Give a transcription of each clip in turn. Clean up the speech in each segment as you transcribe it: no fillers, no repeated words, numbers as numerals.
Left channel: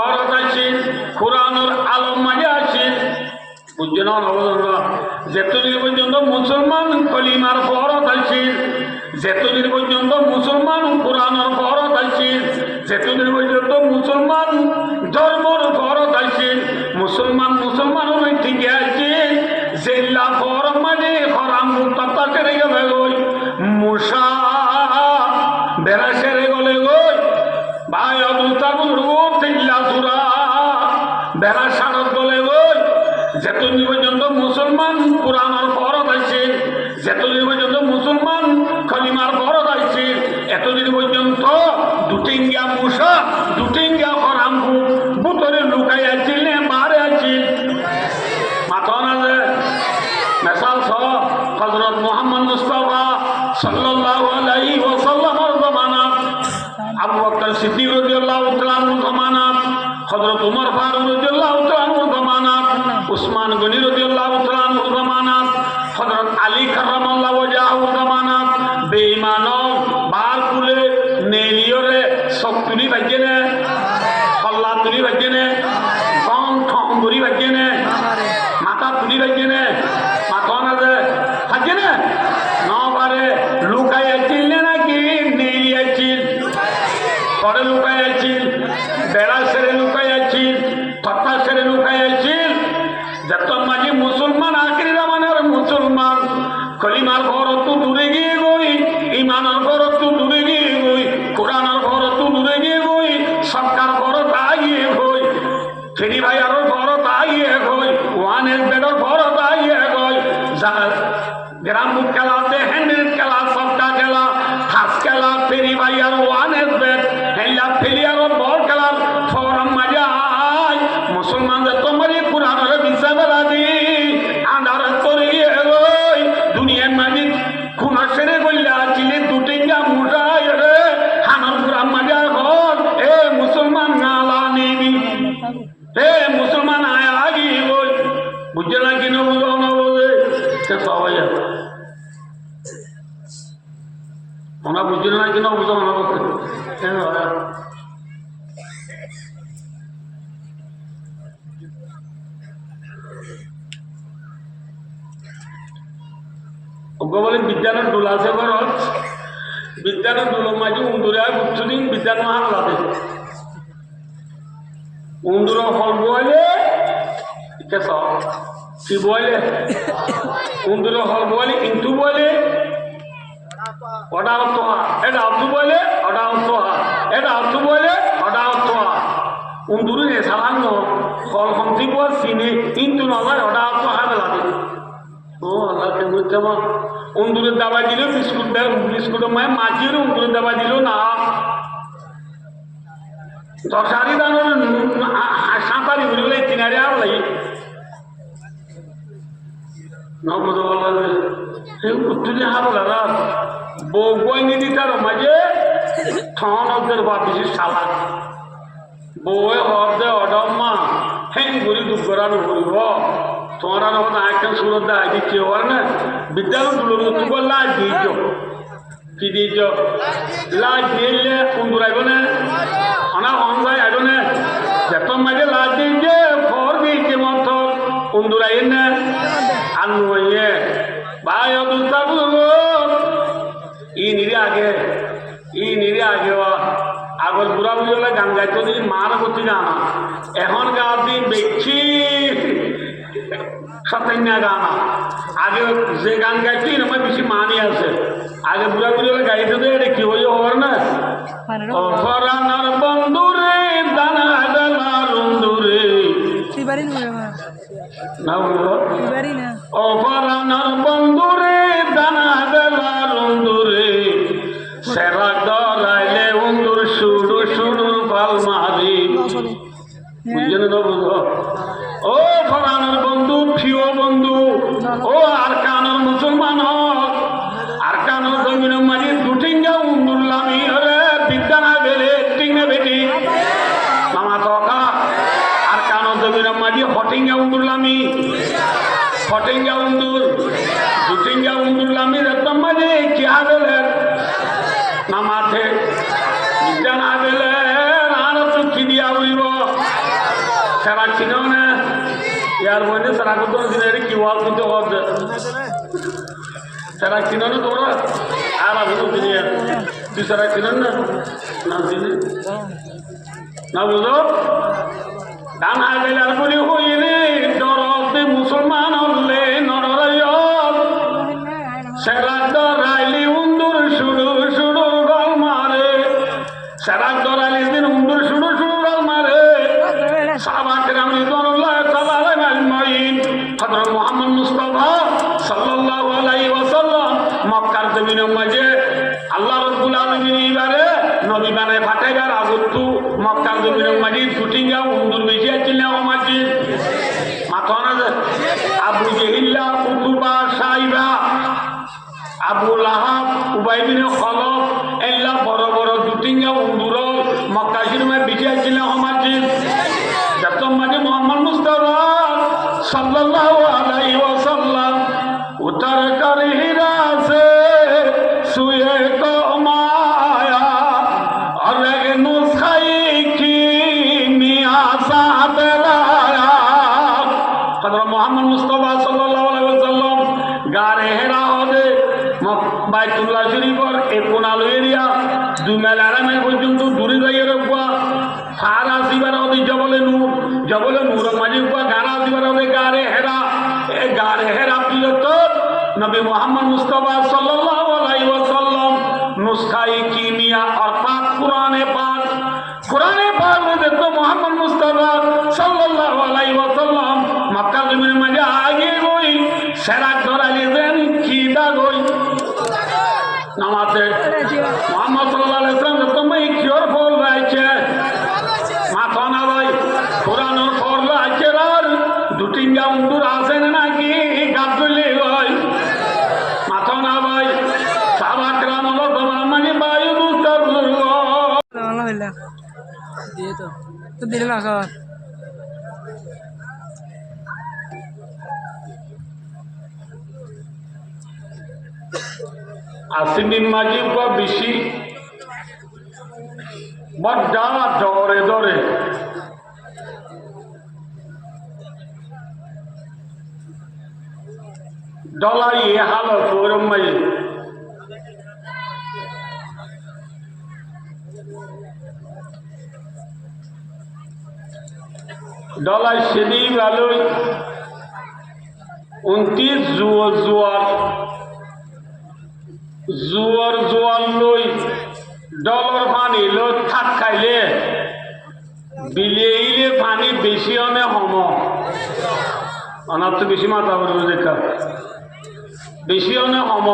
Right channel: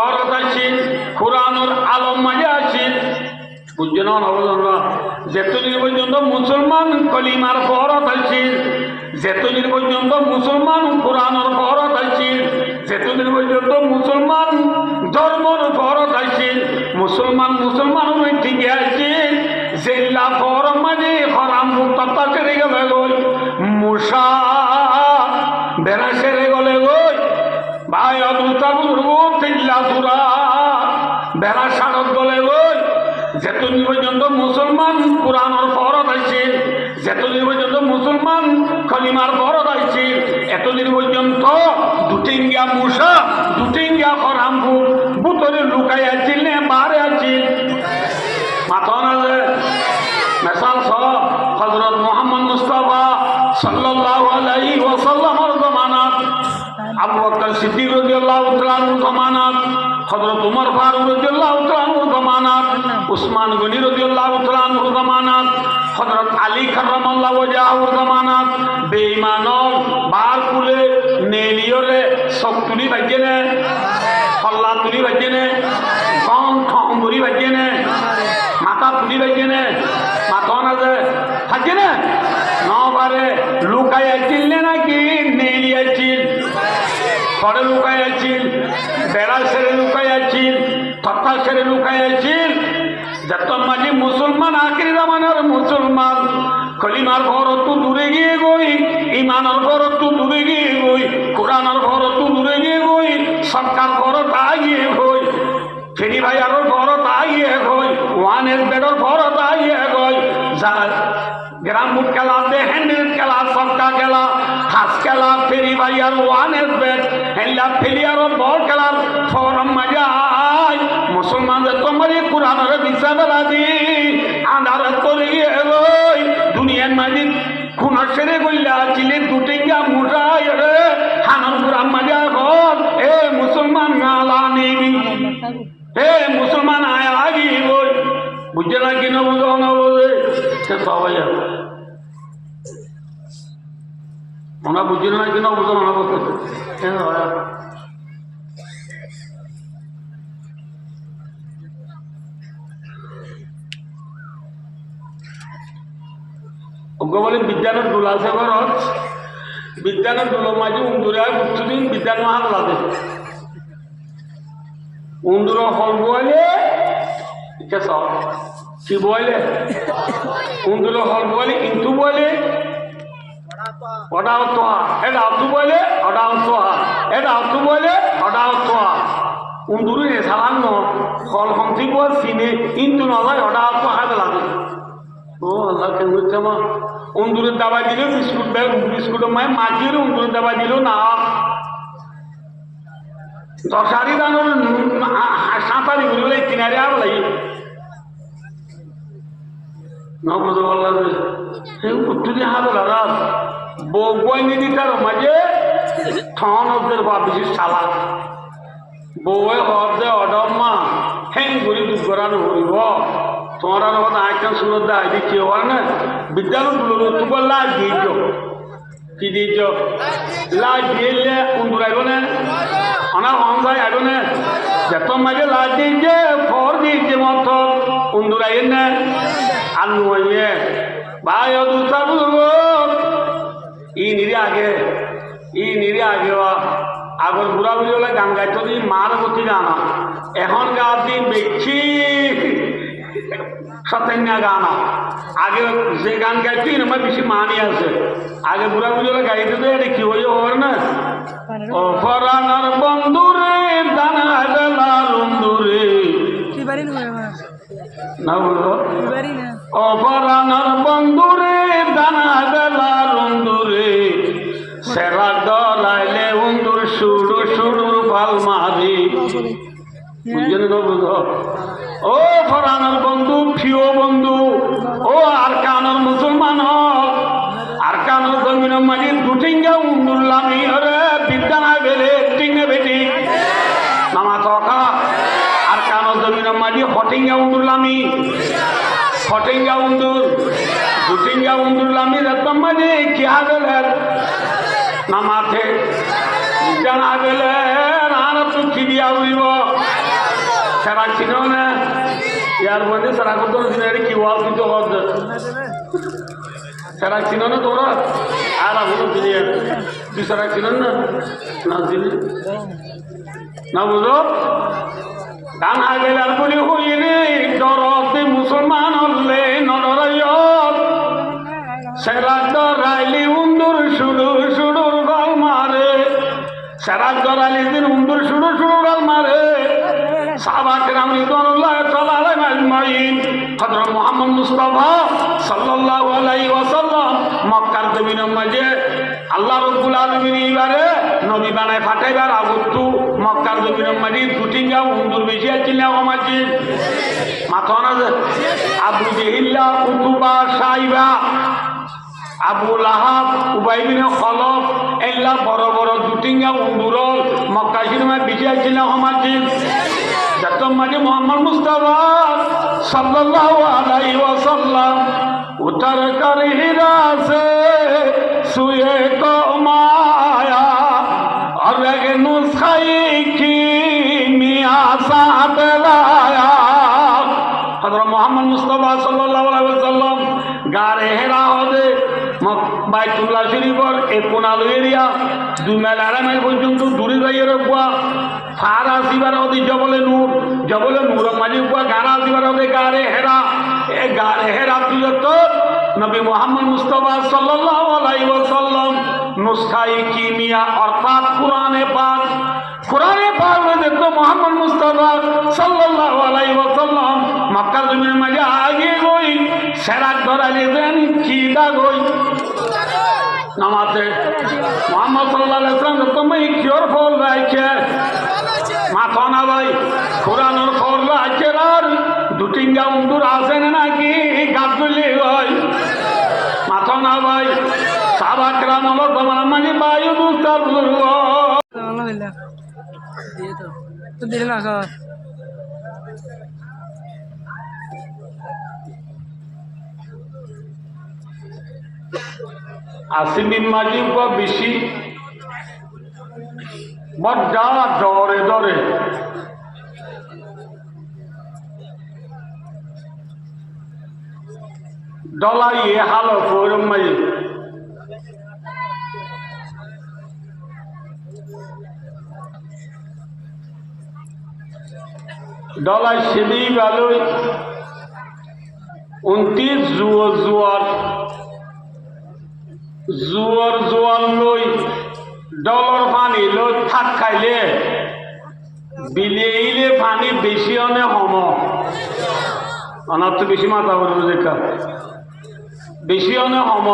ফরজ আছে কোরআনের আলম মাঝে আছে বুঝছেন না যেতদিন পর্যন্ত মুসলমান কলিমার ফরজ আছে যেতদিন পর্যন্ত মুসলমান কোরআনের ফরজ আছে যেতদিন পর্যন্ত মুসলমান ধর্মর ফরজ আছে মুসলমানের থেকে আছে জেলা ফরজ মানে হরাম মুক্তা করে গেলে গই মুসা বেড়া সেরে গলে গই ভাই অদুতা বুজুর্গ তিল্লা সুরা বেড়া সারত গলে গই যেতদিন পর্যন্ত মুসলমান কোরআনের ফরজ আছে যেতদিন পর্যন্ত মুসলমান খলিমার ফরজ আছে এতদিন পর্যন্ত দুটিঙ্গা মুসা দুটিঙ্গা হরাম বুতরে লুকাই আছিল নে বারে আছিল মাথা না যে মেসাল সহ হযরত মুহাম্মদ মুস্তাফা সাল্লাল্লাহু আলাইহি ওয়াসাল্লামের জামানাত আবু বকর সিদ্দিক রাদিয়াল্লাহু তাআলা আনহু জামানাত হযরত উমর ফারুক রাদিয়াল্লাহু তাআলা আনহু জামানাত উসমান গনি রাদিয়াল্লাহু তাআলা আনহু জামানাত হযরত আলী কাররামাল্লাহু ওয়াজহাহু জামানাত বেঈমানও বার কুলে নেলিয়রে সক্তুলি বাজেনে হল্লা তুলি বাজেনে কন ঠং গরি বাজেনে মাথা তুলি বাজেনে মাথা না যে বাজেনে নবারে লুকাই আছিল নাকি নেলি আছিল ঘরে লুকাই আছিল বেড়া সেরে লুকাই আছিল তথা সেরে লুকাই আছিল যত মাঝে মুসলমান আখরি জামানার মুসলমান কলিমার ফরজ তো দূরে গিয়ে গই ইমানের ফরজ তো দূরে গিয়ে গই কোরআনের ফরজ তো দূরে গিয়ে গই সরকার ফরজ আগিয়ে গই ফেরি ভাই আরো ফরজ আগিয়ে গই ওয়ানের বেডর ফরজ আগিয়ে গই গ্রাম খেলা হ্যান্ডেল খেলা সবকা খেলা হাস খেলা ফেরি ভাই আর ওয়ানের বেড হেল্লা ফেলি আর বল খেলার ফরম মজা মুসলমানদের তোমার কোরআনের দিশা বেলা দি আন্ধার করে গিয়ে গই দুনিয়ার মাঝে খুনা সেরে গল্লা চিলে দুটিঙ্গা মুঠাই রে হানার কোরআন মজা হল এ মুসলমান নালা নেবি এ মুসলমান আয়া আগি গই বুঝছে না কিনা বুঝো না বলে সবাই ওনা বুঝছে না কিনা বুঝো না বলতে বলে বিজ্ঞানের দোল আছে ঘরত বিজ্ঞানের দোলের মাঝে উন্দুরে বুঝছুদিন বিজ্ঞান মাহান লাগে উন্দুর হল বইলে কি বইলে উন্দুর হল বইলে কিন্তু বইলে ওটা তোহা এটা আত্মু বইলে ওটা তোহা এটা আত্মু বইলে ওটা তোহা উন্দুরি রে সালান্ন ফল হংসি বল চিনে কিন্তু নয় ওটা তোহা লাগে ও আল্লাহ তুমি কেমন উন্দুরের দাবা দিল বিস্কুটের মায় মাখিয়ে উন্দুরের দাবা দিল না দশারি দানোর সাঁতারি ঘুরে গেলে কিনারে আর লাই নবুঝে বললাম উত্তরি হাতে দাদা বই নিদি তার মাঝে ঠনদের বা বেশি সালা বই হদে অডম্মা হ্যাং ঘুরি দুর্গরানো ঘুরিব তোমার আইকান সুরত দা এদিক কেউ আর না বিদ্যালয় তুলো তোমার লাজ দিয়েছ কি দিয়েছ লাজ দিয়েলে কুন্দুর আইব না অনার অনসাই আইব না যত মাঝে লাজ দিয়েছে ফর দিয়েছে মত কুন্দুর আইন না আর নুয়ে ভাই দুটা বুঝবো ই নিরে আগে আগর বুড়া বুঝলে গান গাইতো দিন মার গতি গানা এখন গা দিন বেশি সত্যা গানা আগে যে গান গাইছি আমার বেশি মানি আছে আগে বুড়া বুঝলে গাইতে দে এটা কি হয়ে হওয়ার না অফরানার বন্ধুরে দানা গেলা রুন্দুরে না বলবো অফরানার বন্ধুরে দানা গেলা রুন্দুরে সেরা দলাইলে উন্দুর সুরু সুরুর পাল মারি বুঝলেন না বুঝো ও ফরানোর বন্ধু প্রিয় বন্ধু ও আর কানোর মুসলমান হক আর কানোর জমিন মাঝে দুটিঙ্গা উন্দুল্লামি হরে বিদ্যানা বেলে টিঙ্গে বেটি নামা তকা আর কানোর জমিন মাঝে হটিঙ্গা উন্দুল্লামি হটিঙ্গা উন্দুর দুটিঙ্গা উন্দুল্লামি রকম মাঝে কি হবে নামাতে বিদ্যানা বেলে না আর তো কি দিয়া উড়িব সারা চিনো না ইয়ার বন্ধে সারা করতে কি ওয়াল কিন্তু সারা চিনো না তোরা আর বলো চিনি তুই সারা চিনেন না না চিনি না বুঝো ডান হাইলার বলি হইরে ডরতে মুসলমান হলে নররাইয়ত সেরাক ডরাইলি উন্দুর সুডুর সুডুর গল মারে সেরাক ডরাইলি দিন উন্দুর সুডুর সুডুর গল মারে সাহাবায়ে কেরাম রিদওয়ানুল্লাহ তাআলা আলাইহিম আজমাইন হযরত মুহাম্মদ মুস্তাফা সাল্লাল্লাহু আলাইহি ওয়াসাল্লাম মক্কার জমিনের মাঝে আল্লাহ রাব্বুল আলামিন এবারে নবী বানায় পাঠাইবার আগতু মক্কার জমিনের মাঝে দুটিঙ্গা উন্দুর বেশি আছিল না মাঝে মাথা না আবু জেহিল্লা উতুবা সাইবা আবু লাহাব উবাই বিন খলফ এল্লা বড় বড় দুটিঙ্গা উন্দুর মক্কা শরীফে বেশি আছিল না মাঝে যত মাঝে মোহাম্মদ মুস্তাফা সাল্লাল্লাহু আলাইহি ওয়াসাল্লাম উতর কর হিরা সে সুয়ে কো মায়া और नुस्खाई की मियां साहब लाया हज़रत मोहम्मद मुस्तफा सल्लल्लाहु अलैहि वसल्लम गारे हेरा होदे বাইতুল্লাহ শরীফের এই কোনালো এরিয়া দুই মাইল আড়াই মাইল পর্যন্ত দূরে যাইয়ে রাখবা ফার আসিবার হতে জবলে নূর মাঝে গাড়া আসিবার হতে গারে হেরা এ গারে হেরা তুই তো নবী মোহাম্মদ মুস্তাফা সাল্লাল্লাহু আলাইহি ওয়াসাল্লাম নুসখাই কিমিয়া অর্থাৎ কোরআনে পাক में देखो मोहम्मद मुस्तफा सल्लल्लाहु अलैहि वसल्लम मक्का जमीन में आगे गई सेरा धराले देन कीदा गई नमाज़े मोहम्मद सल्लल्लाहु अलैहि वसल्लम तो मैं क्योर बोल रहा है माथा ना भाई कुरान और बोल रहा है यार दुटिंगा उंदूर आसे ना कि गाजुले भाई माथा ना भाई साहबा किराम लोग हमारा मनी बायु दूसर अल्हम्दुलिल्लाह दिए तो दिल ना सर আসিমিন মাজিব বা বেশি বড্ডা ডরে ডরে ডলাই হালো ফোরম মাই ডলাই সেদি ভালোই 29 জোয়ার লই ডলার পানি লই থাক খাইলে বিলেইলে পানি বেশি অনে হম অনার তো বেশি মাথা করবে দেখা বেশি অনে হম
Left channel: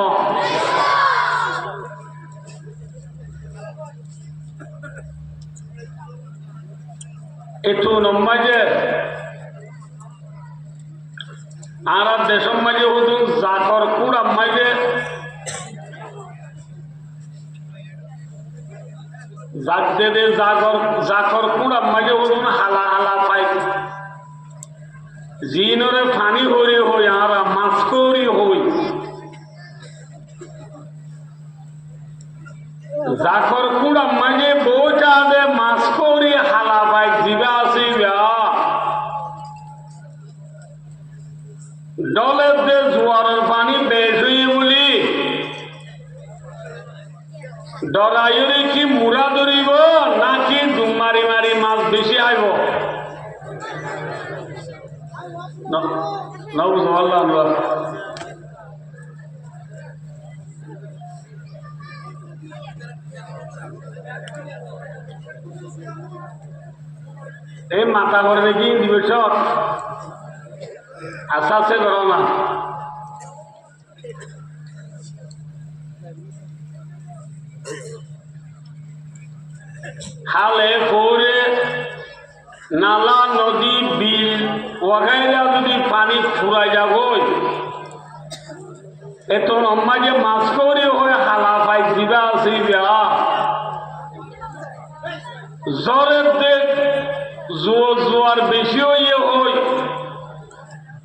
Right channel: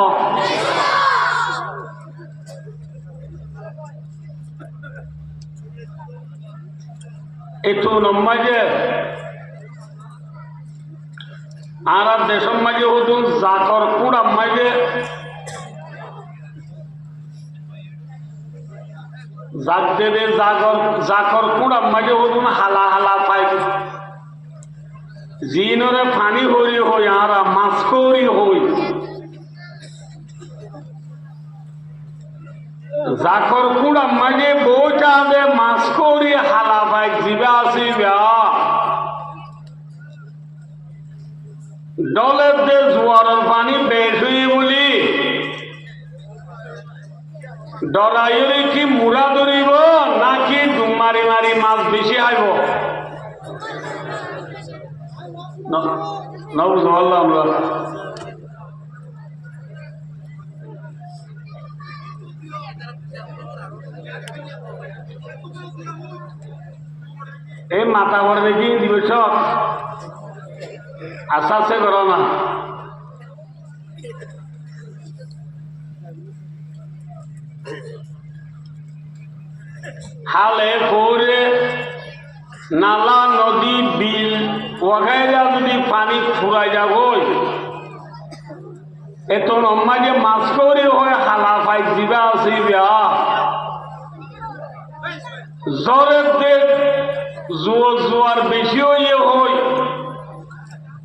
এতো নম্মাজে আর দেশের মাঝে হুদুন জাকর কুড়া মাঝে জাক দেবে জাকর কুড়া মাঝে হুদুন হালা হালা পাই জিনরে ফানি হরি হই আর মাছ করি হই জাকর কুড়া মাঝে বউ যাবে মাছ করি হালা পাই জিবা আসিবা ডলের দে জোয়ারের পানি বেশ হই বলি ডরাইরে কি মুরা ধরিব নাকি ডুম মারি মারি মাছ বেশি আইব না বুঝলাম আমরা এই মাথা করে দেখি দিবস আস্তে আস্তে করো না হালে ফোরে নালা নদী বিল ওগাইরা যদি পানি ফুরাই যাব এত লম্বা যে মাছ করি হয়ে হালা পাই দিবা আসিবা জ্বরের দেখ জোয়ার বেশি হইয়ে হই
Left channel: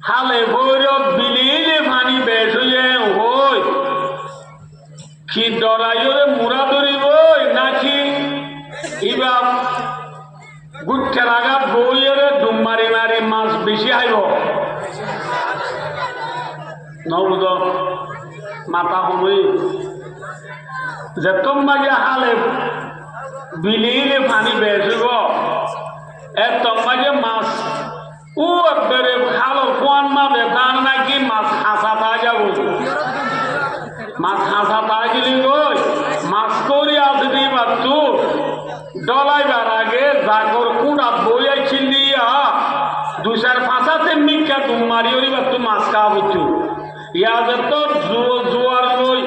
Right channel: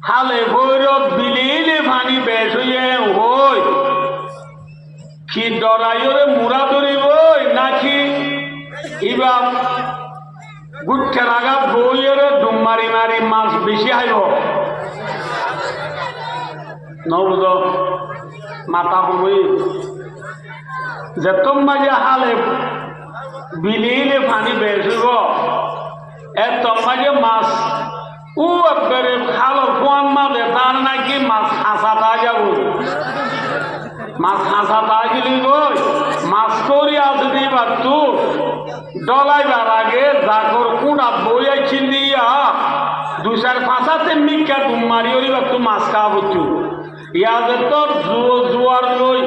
হালে ভৈরব বিলিলে পানি বেশ হইয়ে হই কি ডরাইরে মুরা ধরিব নাকি ইবা গুচ্ছে লাগা বইয়ের ডুম মারি মারি মাছ বেশি আইব নবুদ মাথা সময় যে তোমাকে হালে বিলিলে পানি বেসিব তোমাকে মাছ ও একবারে খালর কোয়ান মাঝে তার নাকি মাছ হাসা তা যাব মাছ হাসা তা গেলি গই মাছ করি আসবি বাতু ডলাইবার আগে জাগর কুড়াত বইয়া ছিলিয়া দুসার ফাঁসাতে মিকা ডুম মারি ওরি বাতু মাছ খাওয়া বুঝছু ইয়াদের তো জোয়ার লই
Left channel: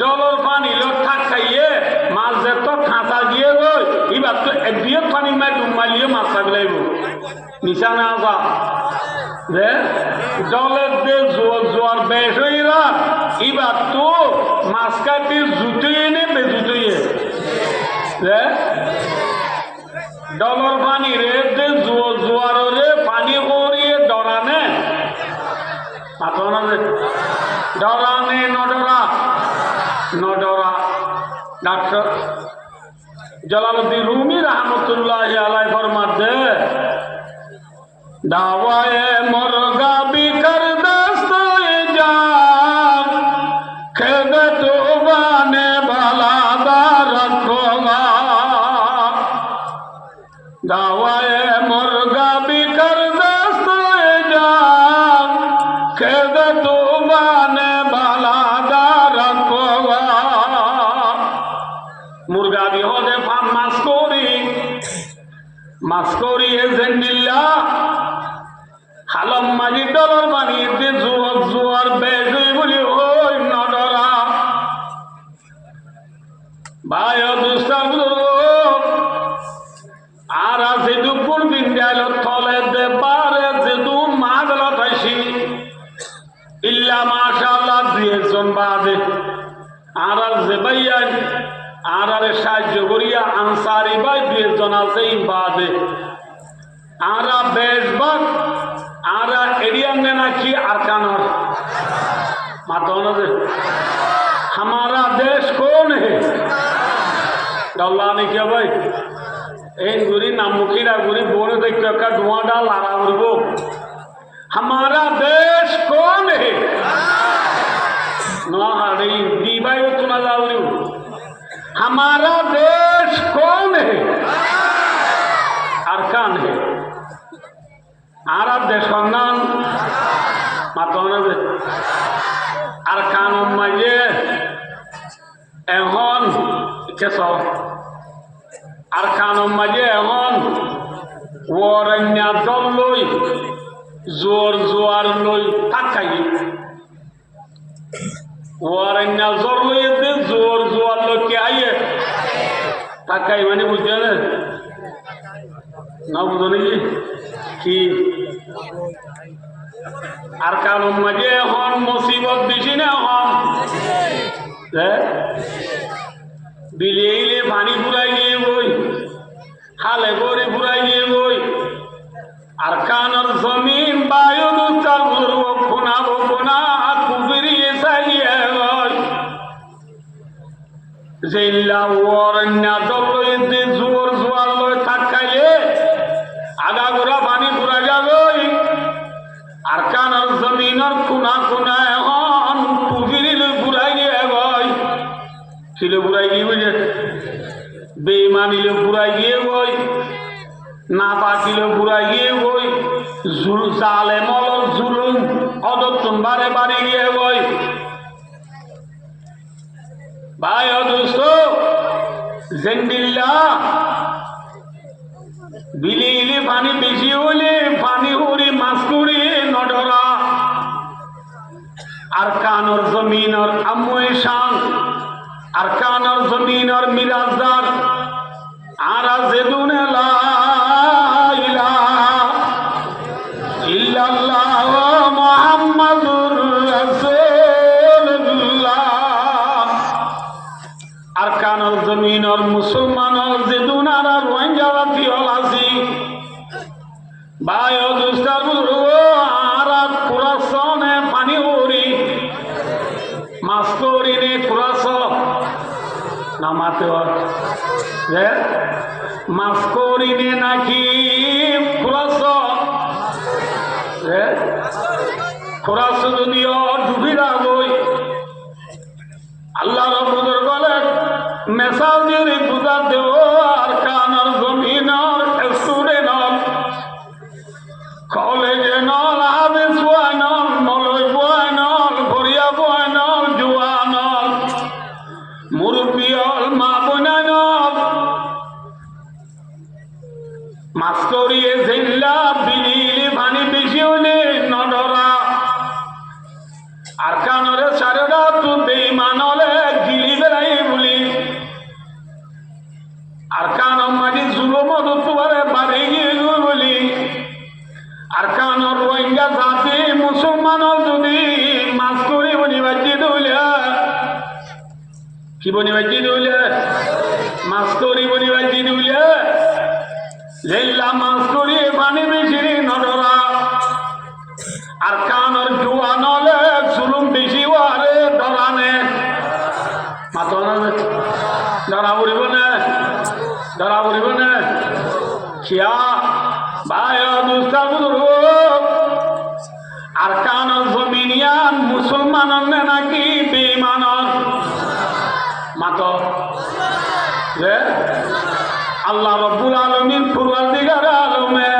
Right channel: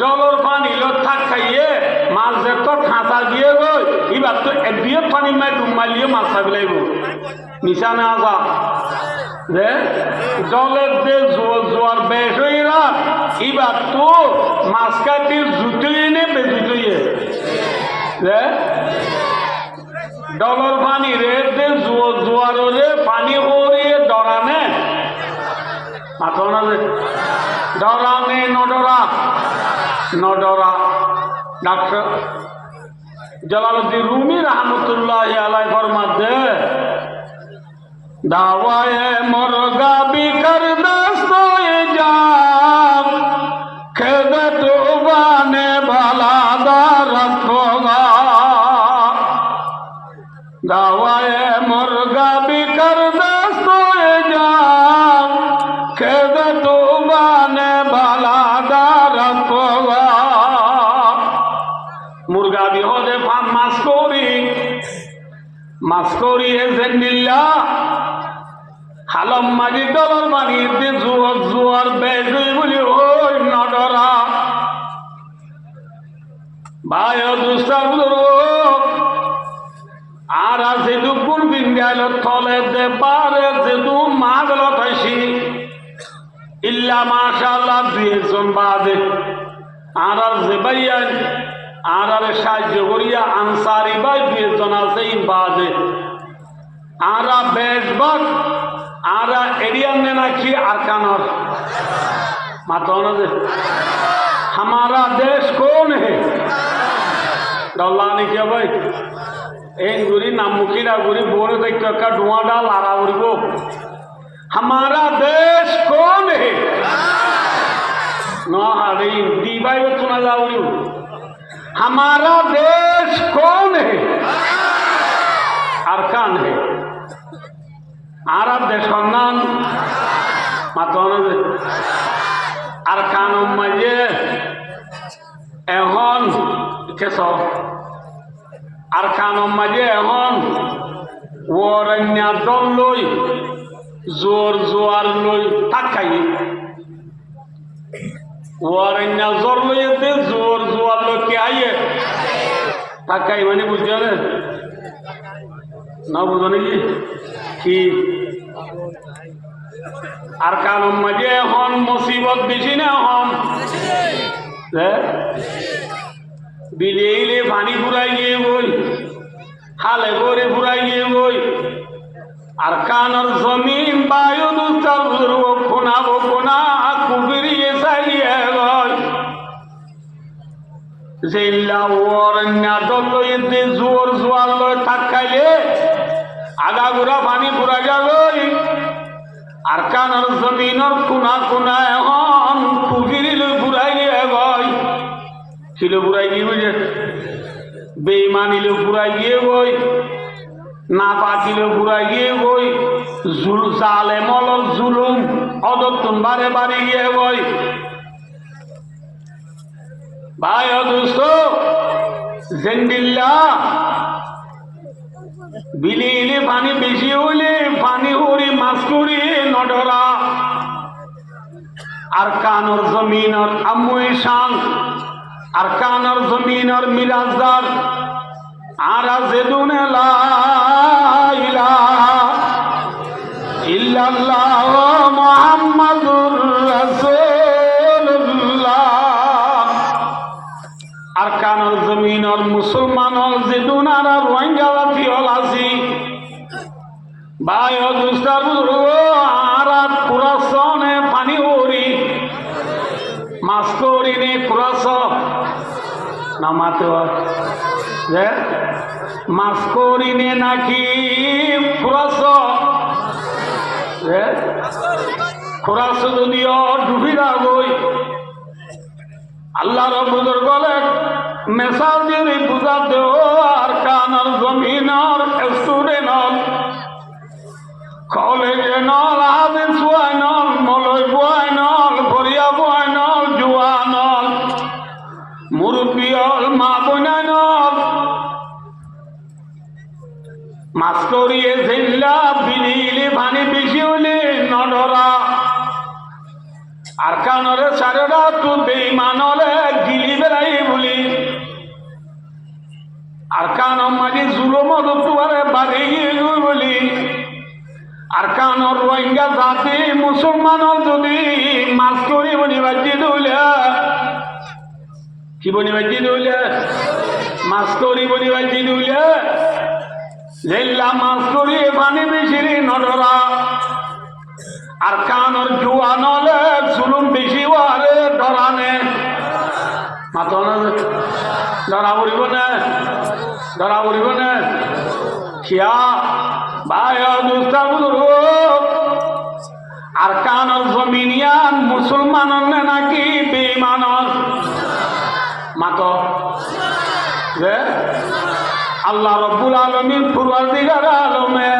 ডলর পানি লো থাক খাইয়ে মাছ যে তো খাঁচা দিয়ে গই এবার তো একদিয়ে পানি মাই ডুম মারিয়ে মাছ খাবি লাগব নিশানে আসা যে জলের যে জোয়ার বেশ হয়ে গেলাম এবার তো মাছ কাটির জুতুয়ে নে বেজুতুয়ে যে ডলর পানি রে যে জোয়ার রে পানি করিয়ে ডরানে ডরানে নডরা ডাক্তার জালালউদ্দিন রুমি রহমতুল্লাহ আলাই ফরমাতে দাওয়ায়ে মুরগা বিকর দস্তয়ে জান খেদত বানে ভালা রখোগা দাওয়ায়ে মুরগা বিকর দস্তয়ে জান খেদত বানে ভালা রখোগা মুরগা বিহদে ফান মাছ করি এজেন্ডিল্লা হালম মাঝি ডলার বানিয়ে জোয়ার বেশ বলি ওই নডরা ভাই দুস্তার আর আছে দুপুর বিন্দাল থলে দে পারে যে দু মাগল পাইছি ইল্লা মাশাআল্লাহ দুইজন বাদে আর যে ভাইয়া আর সাহায্য করিয়া আনসারি ভাই দুইজন আছে বাদে আর বেশবাগ আর এরিয়ানে নাকি আরকানর माता दे हमारा देश कौन है डल्ला ने क्या भाई एक गुरी नामुकीरा गुरी बोरे देख का धुआं डाल आ रहा वो हमारा देश कौन है ना हरी दीवाई वो तुना जाऊरी हमारा देश कौन है अरकान है आरब देश नाम माता दे अरकान मजे एहन केसो अरकान मजे एहन वरन्या दल लई जोर जोर लई थाकाई वरन्या जोर लई दे जोर जोर लई के आइए थाकाई माने बुझे ना बुझने की अरकान मजे हन मुसीबत बिछिने हम बिलेले पानी फुराई गए वही हाले गोरे फुराई गए वही अरकान और जमीन बायु दुस्तर वो खुना कुबिरी ऐसाई है गई जिल्ला वरन्या दल्लो इतने जोर जोर लो थकाले आधा गुरा पानी फुरा जा गई अरकान और जमीन और खुना हन कुबिरी लो फुराई गए गई किलो फुराई गई मुझे बेईमानी लो फुराई गए गई नापाकी लो फुराई गए गई जुल जालेम और जुलुम अदत्तन बारे बारे गए गई भाई और दोस्तों जिंदिल्ला बिलीले पानी बेशी होले पानी होरी मास्कुरी नडरा अरकान और जमीन और अम्मुई शान अरकान और जमीन और मिराजदार आराज़ेदुने ला इलाहा इल्लल्लाह मुहम्मदुर रसूलुल्लाह अरकान और जमीन और मुसलमान और जिदुन और रोहिंग्या वासी और आसी भाई और दूसरा आरा कुरासों ने पानी होरी मास्कोरी ने कुरासों ना मातो মাছ করিনে নাকি খুরাস খুরাস যদিও ডুবিরা গই আল্লাহ রব্বুল গলে মেসাল দিয়ে বুঝা দেও আর কানার জমিনার স্টুডেন্ট কলেজে নল হাদিস নল মলয় নল ভরিয়া নল জুয়া নল মুরব্বিয়ল মা বোনা নল মাছ করিয়ে জিল্লা বিলিলে পানি বেশি হলে নডরা আর কানরে সারেরা তো বেইমানলে গিলি বেড়াই বলি আর কান মাঝে জুলুম দুয়ারে বাড়ি গিয়ে বলি আর কানর রোহিঙ্গা জাতি মুসলমানর যদি মাছ করি বনি বাজি দৌলে কি বনি বাজি দৌলে মাছ করি বনি বাজি দৌলে লেল্লা মাছ করি পানি বেশি নডরা আর কানর জুয়া নলে জুলুম বেশি ওয়ারে ডরানে মাথা ডরা উড়িব না ডরা উড়িব না খিয়া ভাই আর কানর জমিনিয়ান মুসলমানর নাকি বেঈমানর মাত আল্লাহ রব্বুল আলামিন পরওয়ারদিগার আলমে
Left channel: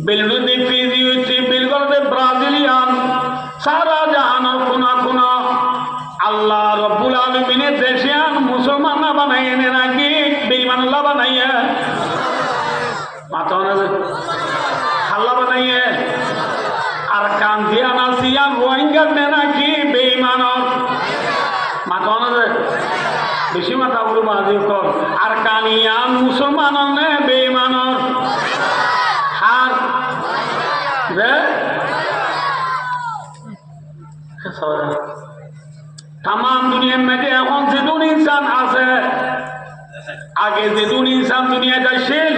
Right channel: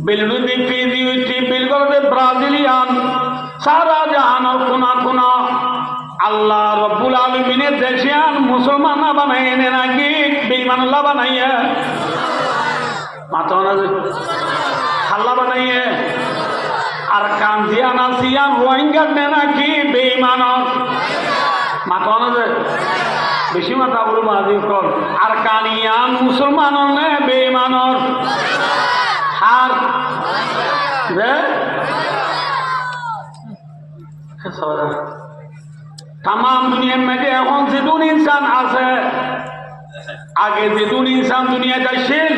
বিলবুদি ফিজিউটি বিলবুদি ব্রাজিলিয়ান সারা জাহানের কোনা কোনা আল্লাহ রব্বুল আলামিনের দেশিয়ান মুসলমান বানাইয়ে নাকি বেঈমান বানাইয়ে মাথা হাল্লা বানাইয়ে আর কান্দিয়ান আসিয়ান রোহিঙ্গা নাকি বেঈমানর মাথা বেশি মাথা বলবো মাঝে কর আর কানিয়ান মুসলমানর নে বেঈমানর হার তাম দুনিয়ার মধ্যে এখন যেদুন ইনসান আছে আগে যেদুন ইনসান দুনিয়া যাইছিল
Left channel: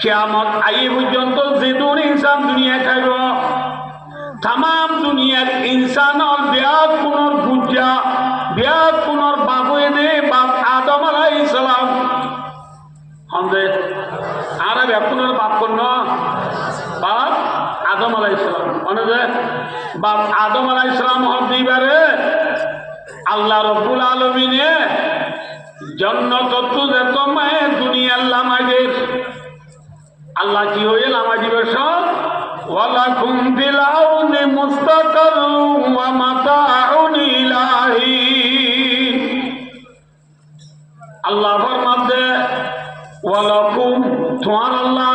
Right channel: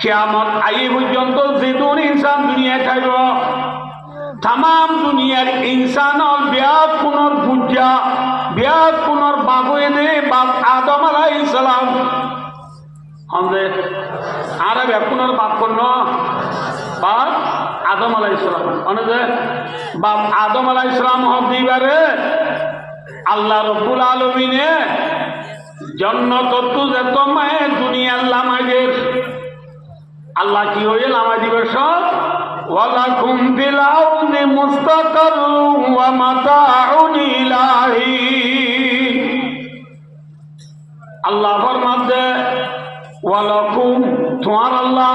কিয়ামত আই পর্যন্ত যেদুন ইনসান দুনিয়া খাইব তাম দুনিয়ার ইনসানর ব্যাগ পুনর পূজা ব্যাগ পুনর বাবুয়ে দে বাপ আদম আলাইহিস সালাম হন্দে আর ব্যাগ পুনর বাপ কোন বাপ আদম আলাইহিস সালাম অনেকে বাপ আদম আলাইহিস সালাম হব দিবারে আল্লাহ রব্বুল আলামিনে জান্নাত তো যেতমায় দুনিয়ার লামাগে আল্লাহ কি হয়ে লামা দিবে সব ওয়ালাকুম ফিল আরদি মুস্তাকাররুম ওয়া মাতাউন ইলাহি আল্লাহ ফরমাতে ওয়ালাকুম তোমার আল্লাহ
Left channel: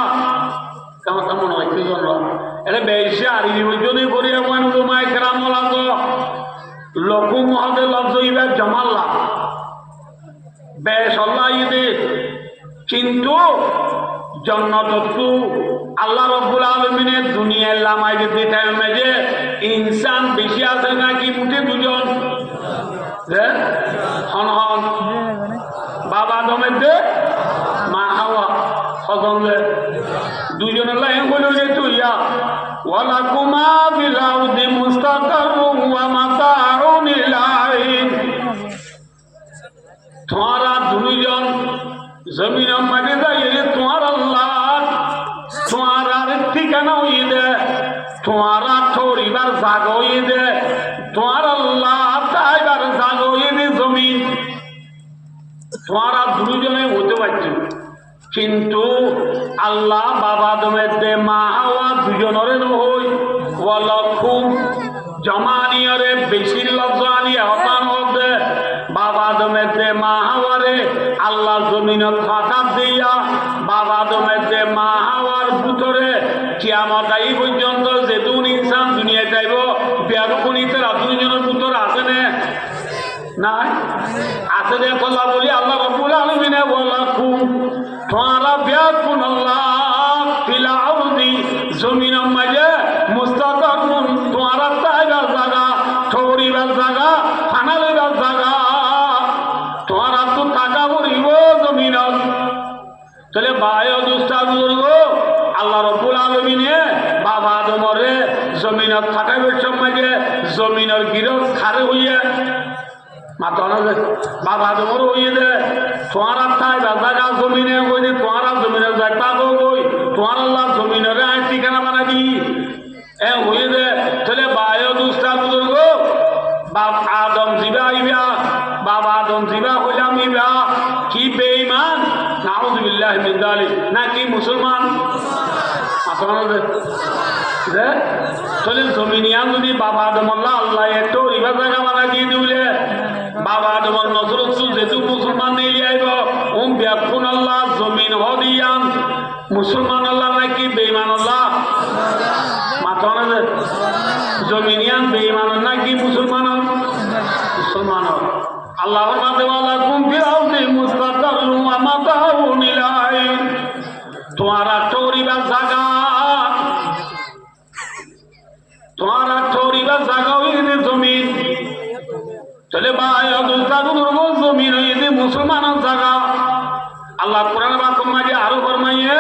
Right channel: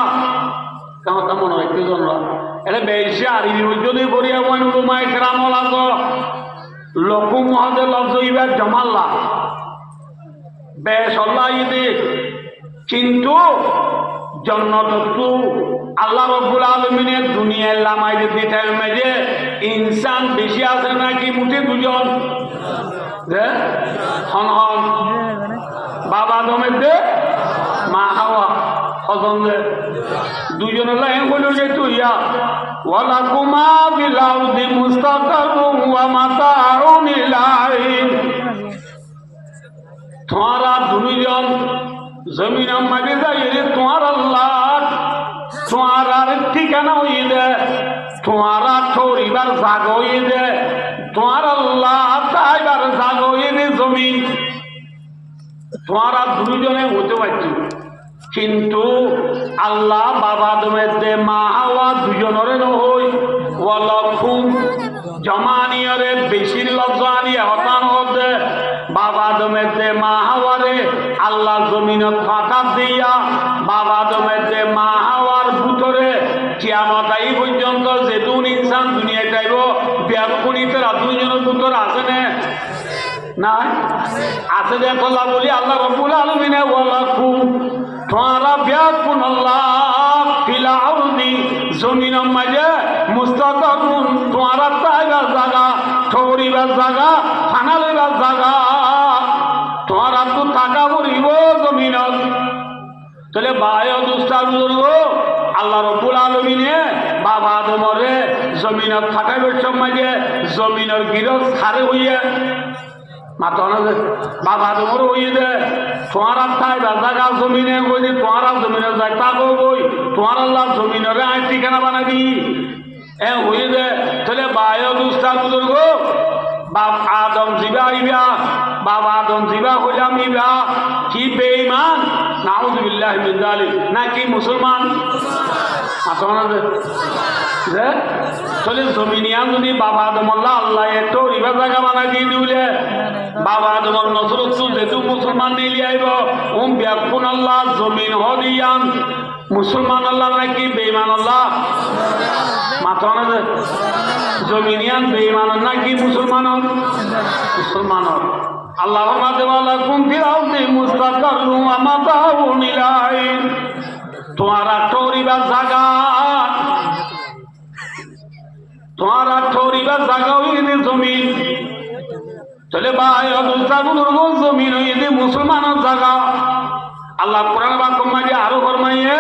কেমন মনে হয় কি জানো এটা বেশি আরবি যদি করিয়া মনে উলুমায়ে কেরাম লাগো লকুম হদে লফজ ইবা জামাল্লা বেশ আল্লাহ ইদে কিন্তু জান্নাত আল্লাহ রব্বুল আলামিনের দুনিয়ার লামাই দিতে মেজে ইনসান বেশি আছে নাকি মুঠি দুজন হন হন বাবা আদমের দে মা হাওয়া হজমলে দুজনের লাইন বলে তুইয়া ওয়ালাকুমা ফিল আরদি মুস্তাকাররুম ওয়া মাতাউন ইলাহি তোমারা দুইজন জমিনের মাঝে যাইয়ে তোমার আল্লাহ তোমার ঠিকানা হয়ে দে তোমার থরিবার জাগ হয়ে দে তোমার আল্লাহ তাইবার জাগ হয়ে দে জমিন তোমারা দুইজনে হতে পারছো কিন্তু আল্লাহ বাবা আদমের দে মা হাওয়া দুজনের নহই ওয়ালাকুম জমানিয়রে বেশির লজ্জানি হতান হতে বাবা আদমের দে মা হাওয়ারে আল্লাহ জমিনত ফাঁকা দিয়া বাবা আদমের দে মা হাওয়ার ভিতরে কিয়ামত আই পর্যন্ত যেতুন ইনসান দুনিয়ায় যাইব ব্যাপকনিতে দুইজনের ভিতর আছে না আছে যে আল্লাহ বলি আল্লাহ রব্বুল আলামিনে ওয়ালাকুম তোমারা ব্যাকুন আল্লাহ ফিল আরদি জমিনের মাঝে মুস্তাকাররুন তোমারা তাইবার জায়গা ঠৌরিবার জায়গা ফানালিবার জায়গা তোমারা তো টাকা পড়িব জমিনত তাহলে বায় দুস্তার আল্লাহ রব্বুল আলামিনে বাবা আদমরে জমিনত থাকাইবার সময় জমিনের গিরস খারে হইয়া মাতো না যে বাবা তোমার ওই দে তোমার আত্মায় জায়গা জমিনে কই যে তোমার জমিনে জায়গা কই তোমার আল্লাহ জমিনের আই ঠিকানা বানাবি এ হই দে তাহলে বায়ু দুস্তার বুজুর্গ বাপ আদম জিবা ইবা বাবা আদম জিবা হইলাম ইবা কি বেঈমান নাউযুবিল্লাহ মিন যালিক নাকি মুসলমান মাতো না যে চলে জমিনিয়ান যদি বাবা আদম আল্লাহ একটু রিবা জায়গা বানাই দিয়ে দিলে বাবা আদমর নজরত যেহেতু মুসলমান নিয়ে আইব ব্যাকুন আল্লাহ জমিন হদিয়ান মুসলমান আল্লাহ নাকি বেঈমান আল্লাহ মাথা না যে জমিনিয়ান বেঈমান নাকি মুসলমান মুসলমান আল্লাহ মাঝে ওয়ালাকুম ফিল আরদি মুস্তাকাররুম ওয়া মাতাউন ইলা আইন তোমারা টোরিবা জায়গা তোমারা ঠোরিবা জায়গা হইলে জমিন চলে জমিন হইলে মুসলমানের জায়গা আল্লাহ কোরআন বাক্য মাঝে আরো ফরমাইয়ে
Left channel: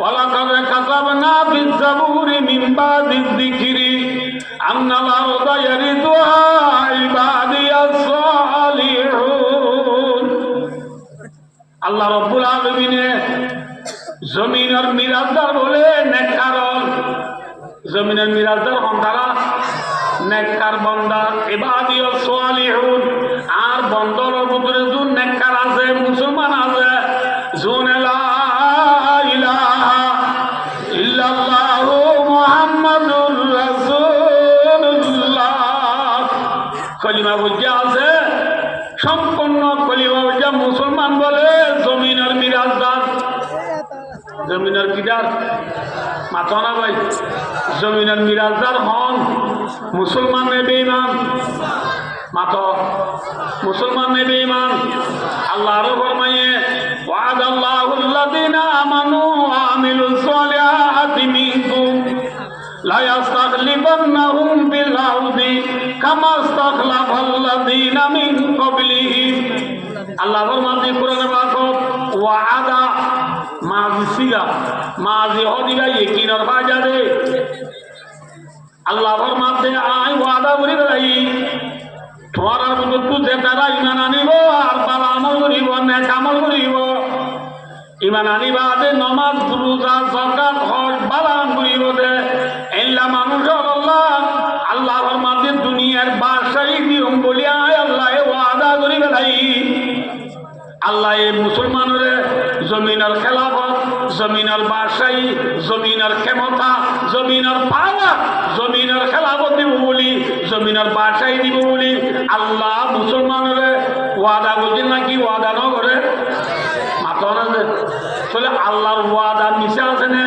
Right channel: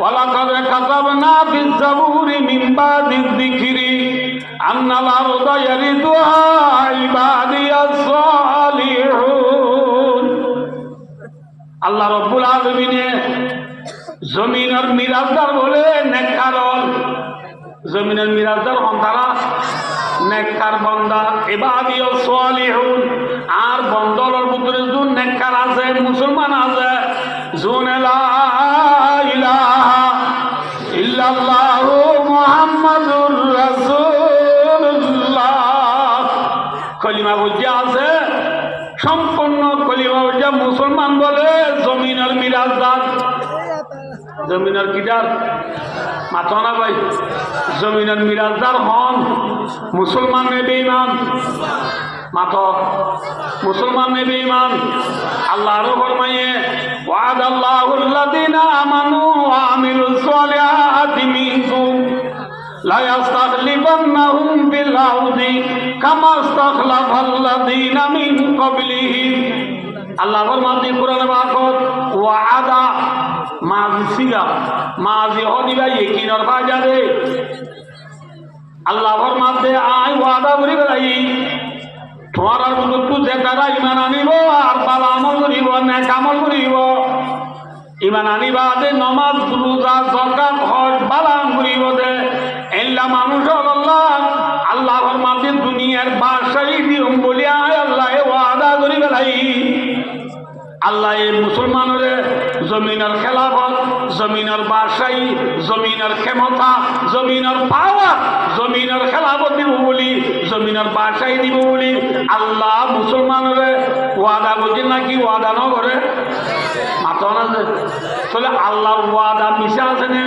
ওয়ালাকাদ কাতাবনা ফিজ জাবুরি মিন বাদি যিকরি আন্নাল আরদা ইয়ারিদুহা ইবাদিয়াস সালিহুন আল্লাহ রাব্বুল আলামিনে জমিনের মিরাজদার বলে নেককারল জমিনের মিরাজদার হন্তারা নেককার বন্দা ইবাদিয়াস সালিহুন আর বন্দরের ভিতরে জুন নেককার আছে মুসলমান আছে জুন লা ইলাহা ইল্লাল্লাহু মুহাম্মাদুর রাসূলুল্লাহ কলিমা বুঝা আছে সম্পূর্ণ কলিমা বুঝা মুসলমান বলে জমিনের মিরাজদার জমিনের কিদার মাথা না ভাই জমিনের মিরাজদার হন মুসলমান নে বেঈমান মাথা মুসলমান নে বেঈমান আল্লাহ আরো ফরমাইয়ে ওয়াদাল্লাহুল্লাযিনা আমানু ওয়া আমিলুস সালিহাতি মিনকুম লা ইস্তাখলিফান্নাহুম ফিল আরদি কামা ইস্তাখলাফাল্লাযিনা মিন ক্বাবলিহিম আল্লাহ ফরমাতে কোরআনে বাকত ওয়াদা মাজি সিগা মাজি হদিরা ইকিনর বাজারে আল্লাহ ফরমাতে আই ওয়াদা করি বেলাই তোমার আর বুঝু যে তারা ইমান আনিব আর বালা আমল করিব নেক আমল করিব ইমান আনিবা দে নামাজ রোজা যাকাত হজ বালা করিব দে এল্লা মানুষ আল্লাহ আল্লাহ ফরমাতে দুনিয়ার বাদশাহী দিম বলিয়া আল্লাহ ওয়াদা করি বেলাই আল্লাহ এই মুসলমানের জমিনের খেলাফত জমিনের বাদশাহী জমিনের ক্ষমতা জমিনের পাওয়ার জমিনের খেলাফত দিব বলি জমিনের বাদশাহী দিব বলি আল্লাহ মুসলমানের ওয়াদা করছে নাকি ওয়াদা ন করে মাথা না যে চলে আল্লাহর ওয়াদা মিশে আছে না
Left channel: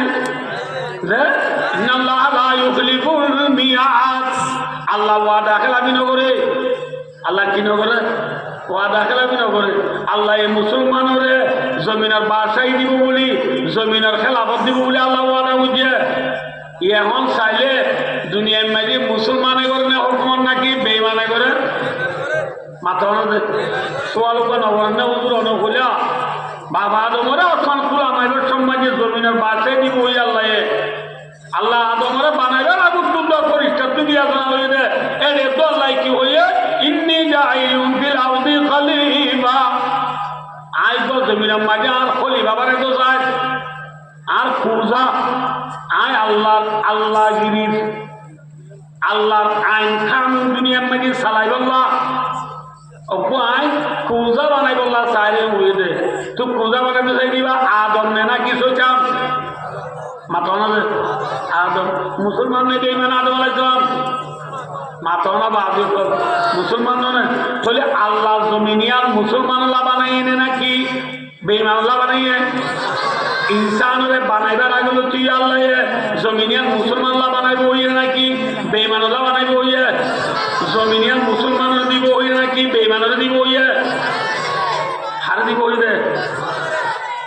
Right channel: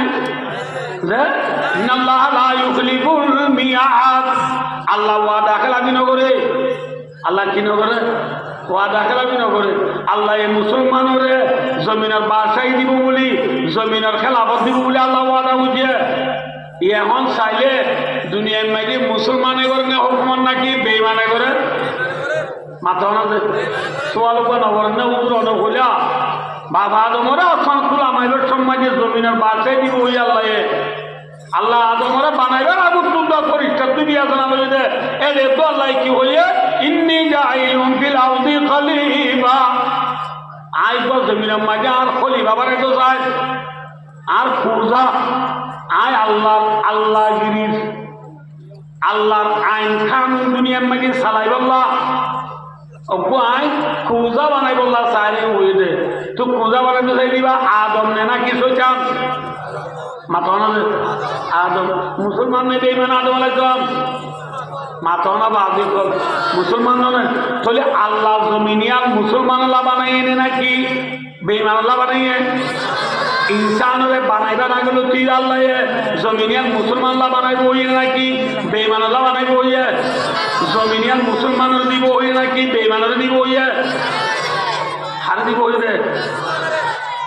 যে ইন্নাল্লাহ লা ইউখলিফুল মিয়াদ আল্লাহ ওয়াদা খেলাফি ন করে আল্লাহ কি ন করে ওয়াদা খেলাফি ন করে আল্লাহ এই মুসলমানের জমিনের বাদশাহী দিব বলি জমিনের খেলাফত দিব বলি আল্লাহ ওয়াদা বুঝে এখন চাইলে দুনিয়ার মাঝে মুসলমানে করে না হুকুমান নাকি বেঈমানে করে মাথা না সোয়াল নগরেন না উজুর অনেক হইলা বাবা আদমরা এখন খোলা মাইবের সমাজে জমিনের বাদশাহী দিব ওই আল্লাহ আল্লাহ আদমরা বানাইবার আগুন তুলবা পরিষ্কার তুই দিয়া জানা বলি দে এর তো আল্লাহ কি হইয়ে ইন্নী জাইলুম ফিল আরদি খলিফা আইব জমিনের মাঝে আর খলিফা বানাইতে চাই আর পূজা আয় আল্লাহগিরির আল্লাহর আইন কানুন দুনিয়ার মাঝে চালাই বললা অপু আয় পূজা বানাই বললা চাইরে হয়ে দে তো পূজা বানাইতে চাই দিবা আদম নে না কি চান মাথা না আদম মুসলমান নেই বেঈমান আদম আলাইহিস মাথা না বাজি কর মুসলমান নয় তাহলে আল্লাহ জমিনিয়ান মুসলমান আল্লাহ বানাই এনে নাকি বেঈমান আল্লাহ বানাইয়ে ইনসানরে বানাইবা না গেল তুই আল্লাহ জমিনিয়ান মুসলমান আল্লাহ বানাইব ওই নাকি বেঈমান আল্লাহ বানাইব ওই জমিনিয়ান মুসলমান দিব ওই নাকি বেঈমানের দিব ওই হার দিব ওই রে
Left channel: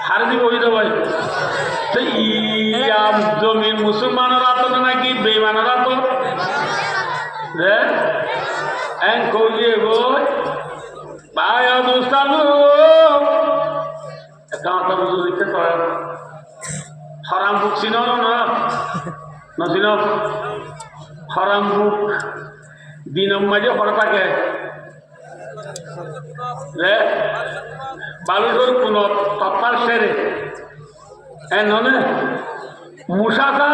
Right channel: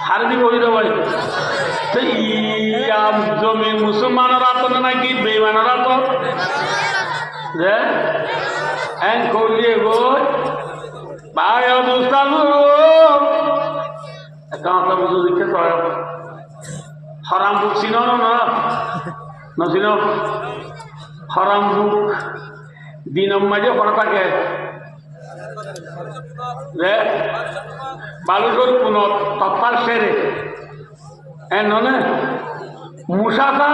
হার দিব ওই দে ভাই তো ইয়া জমিন মুসলমানের আতো নাকি বেঈমানের আতো রে এন কইয়ে গো ভাই দুস্তানু এটা তো বুঝু দিতে কর হারাম বুক চিনো না না চিনো হারাম বুক দিন মাঝে পড়া থাকে রে বালুচর পুনত তপার সেরে ননে মুসাকা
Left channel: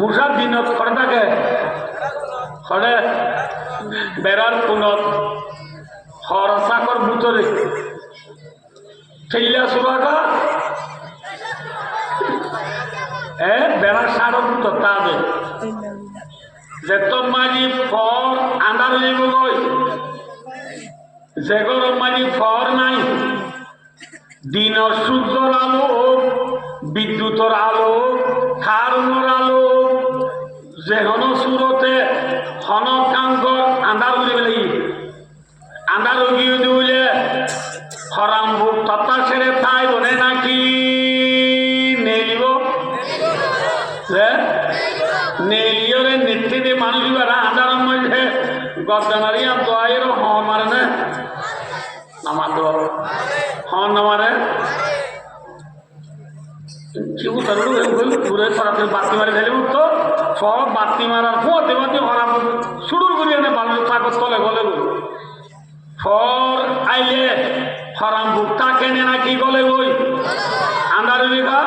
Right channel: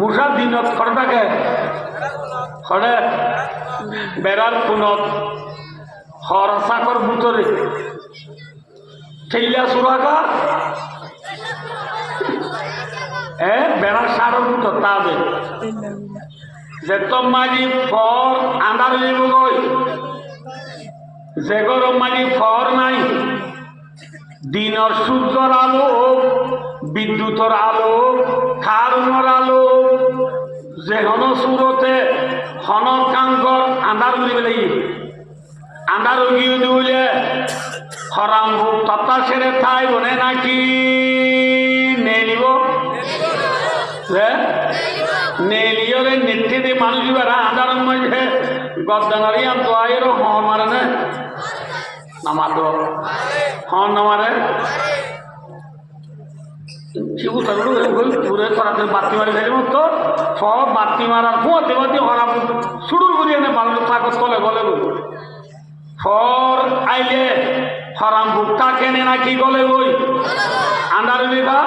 মুসা দিনত খড় থাকে খড়ে বেড়ার পুনত হর চাকর বুতরে ঠেলিয়া চুরাকা বেড়ার সারর বুতর তা দে যেত মাঝি ফর আন্ধার লিব গই যে গরম মাঝি ফর নাই দিনের সূর্যর আলো বিদ্যুতের আলো খারুঙর আলো যে হন সুরতে হন কাঙ্কর আন্ধার উলি বলে আন্ধার উগিয়ে দিলে হরাম ভোগ তত্তা ছেড়ে তাই বনে নাকি নেলিব নেলিয়রে নেত্রী দিয়ে মানুষ আন্ধার মধ্যে গজনারি আম তো আয়ের হন মারে না নামার হন নামারে কেউ ঘুরে সরাসরি বাতি মারে ফেলি তো সব বাতি মারার ফুয়াতে বাতি হরাম শুরু করি এনে মানুষ কাগজ তলে গলে গই ফর আইলে হরাম ভুক্তা কেনে নাকি গলে গই আন্দার বিভা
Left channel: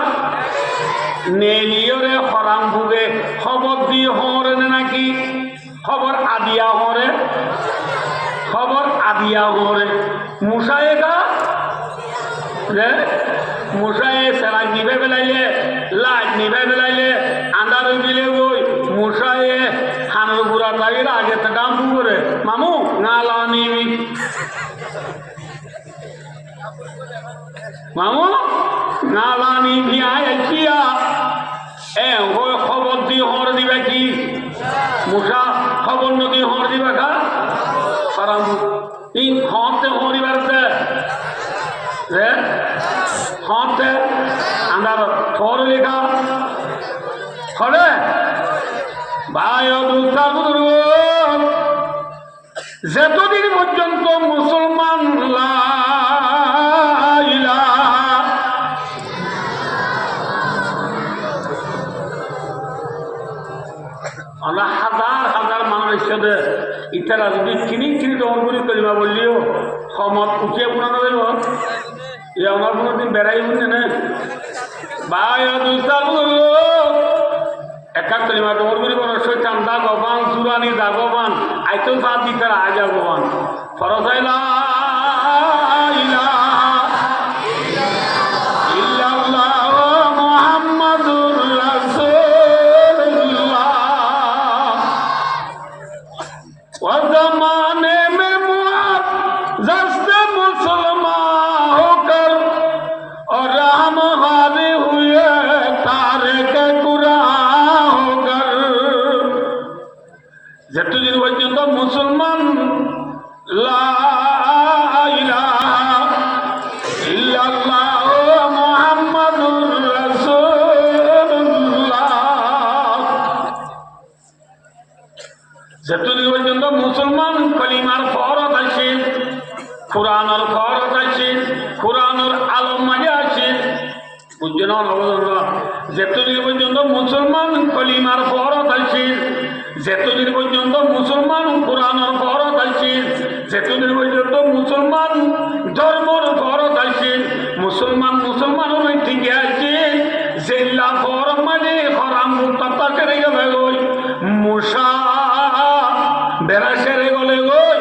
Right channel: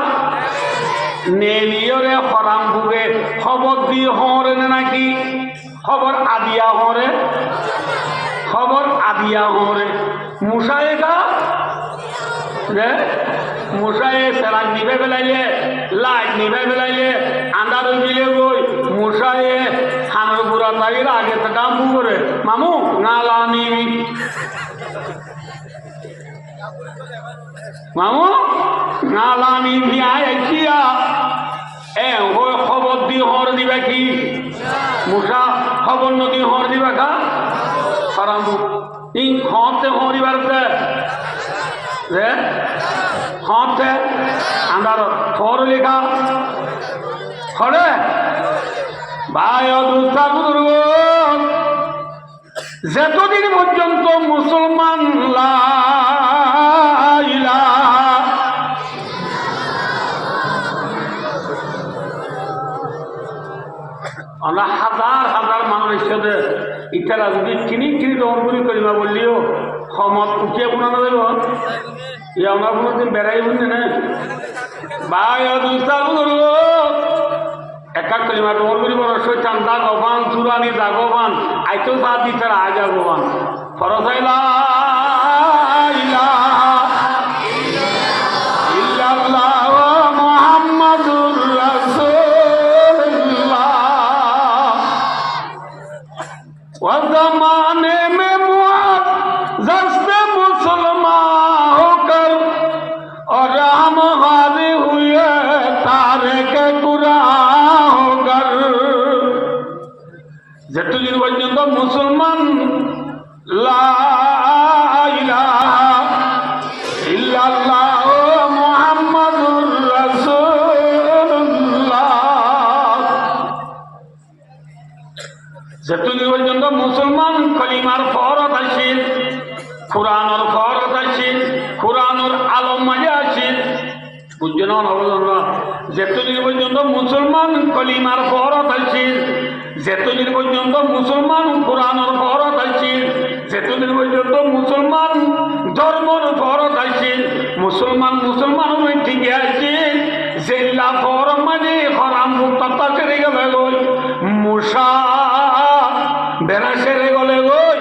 নেলিয়রে হরাম ভুগে খবর দিয়ে হরে নাকি খবর আদিয়া হরে খবর আদিয়া হরে মুসায়ে গা যে মুসায়ে সেলাই নিভে বেলাইলে লাইট নিভে বেলাইলে আন্দার গিলে গই মুসায়ে হানের বুড়া তাইর আগে তো দাম করে মামু না লাও নিবি মামু না লাও নিবি আয় কিয়া ওই খবর দিয়ে হর দিবে কি মুসা খবর নদী হর দিবে খা হারাম ইন খতে হরিবার রে খতে আন্দার থর লেখা খড়ে ভাই যতদিন পর্যন্ত মুসলমান আমরা হাজার হাজার মানুষ সাথে ইতারা যদি কিনি দমন করি কলিমা বললিও সমত উঠিয়ে বোনানো দেব ইয়ে আমরা কোনোদিন বেড়াই বুঝছে না ভাই একা কলিমা দমন করি বড় শৈতান দাগবান চুরানি দাগবান আইতো বাদ দিতে আ যাগবান ফরজ মোহাম্মদুর ज़माने में मुआज़्ज़ज़ मुसलमान होकर और हम हावी हुए तारिके कुरान होकर যতদিন পর্যন্ত মুসলমান লা ইলাহা ইল্লাল্লাহ মুহাম্মাদুর রাসূলুল্লাহ যতদিন পর্যন্ত মুসলমান কলিমার ফরজ আছে কোরআনের ফরজ আছে কোরআনের আলম মাঝে আছে বুঝছেন না যতদিন পর্যন্ত মুসলমান কলিমার ফরজ আছে যতদিন পর্যন্ত মুসলমান কোরআনের ফরজ আছে যতদিন পর্যন্ত মুসলমান ধর্মর ফরজ আছে মুসলমানের থেকে আছে জেলা ফরজ মানে হরাম মুক্তা করে গেলে মুসা বেড়া সেরে গলে গই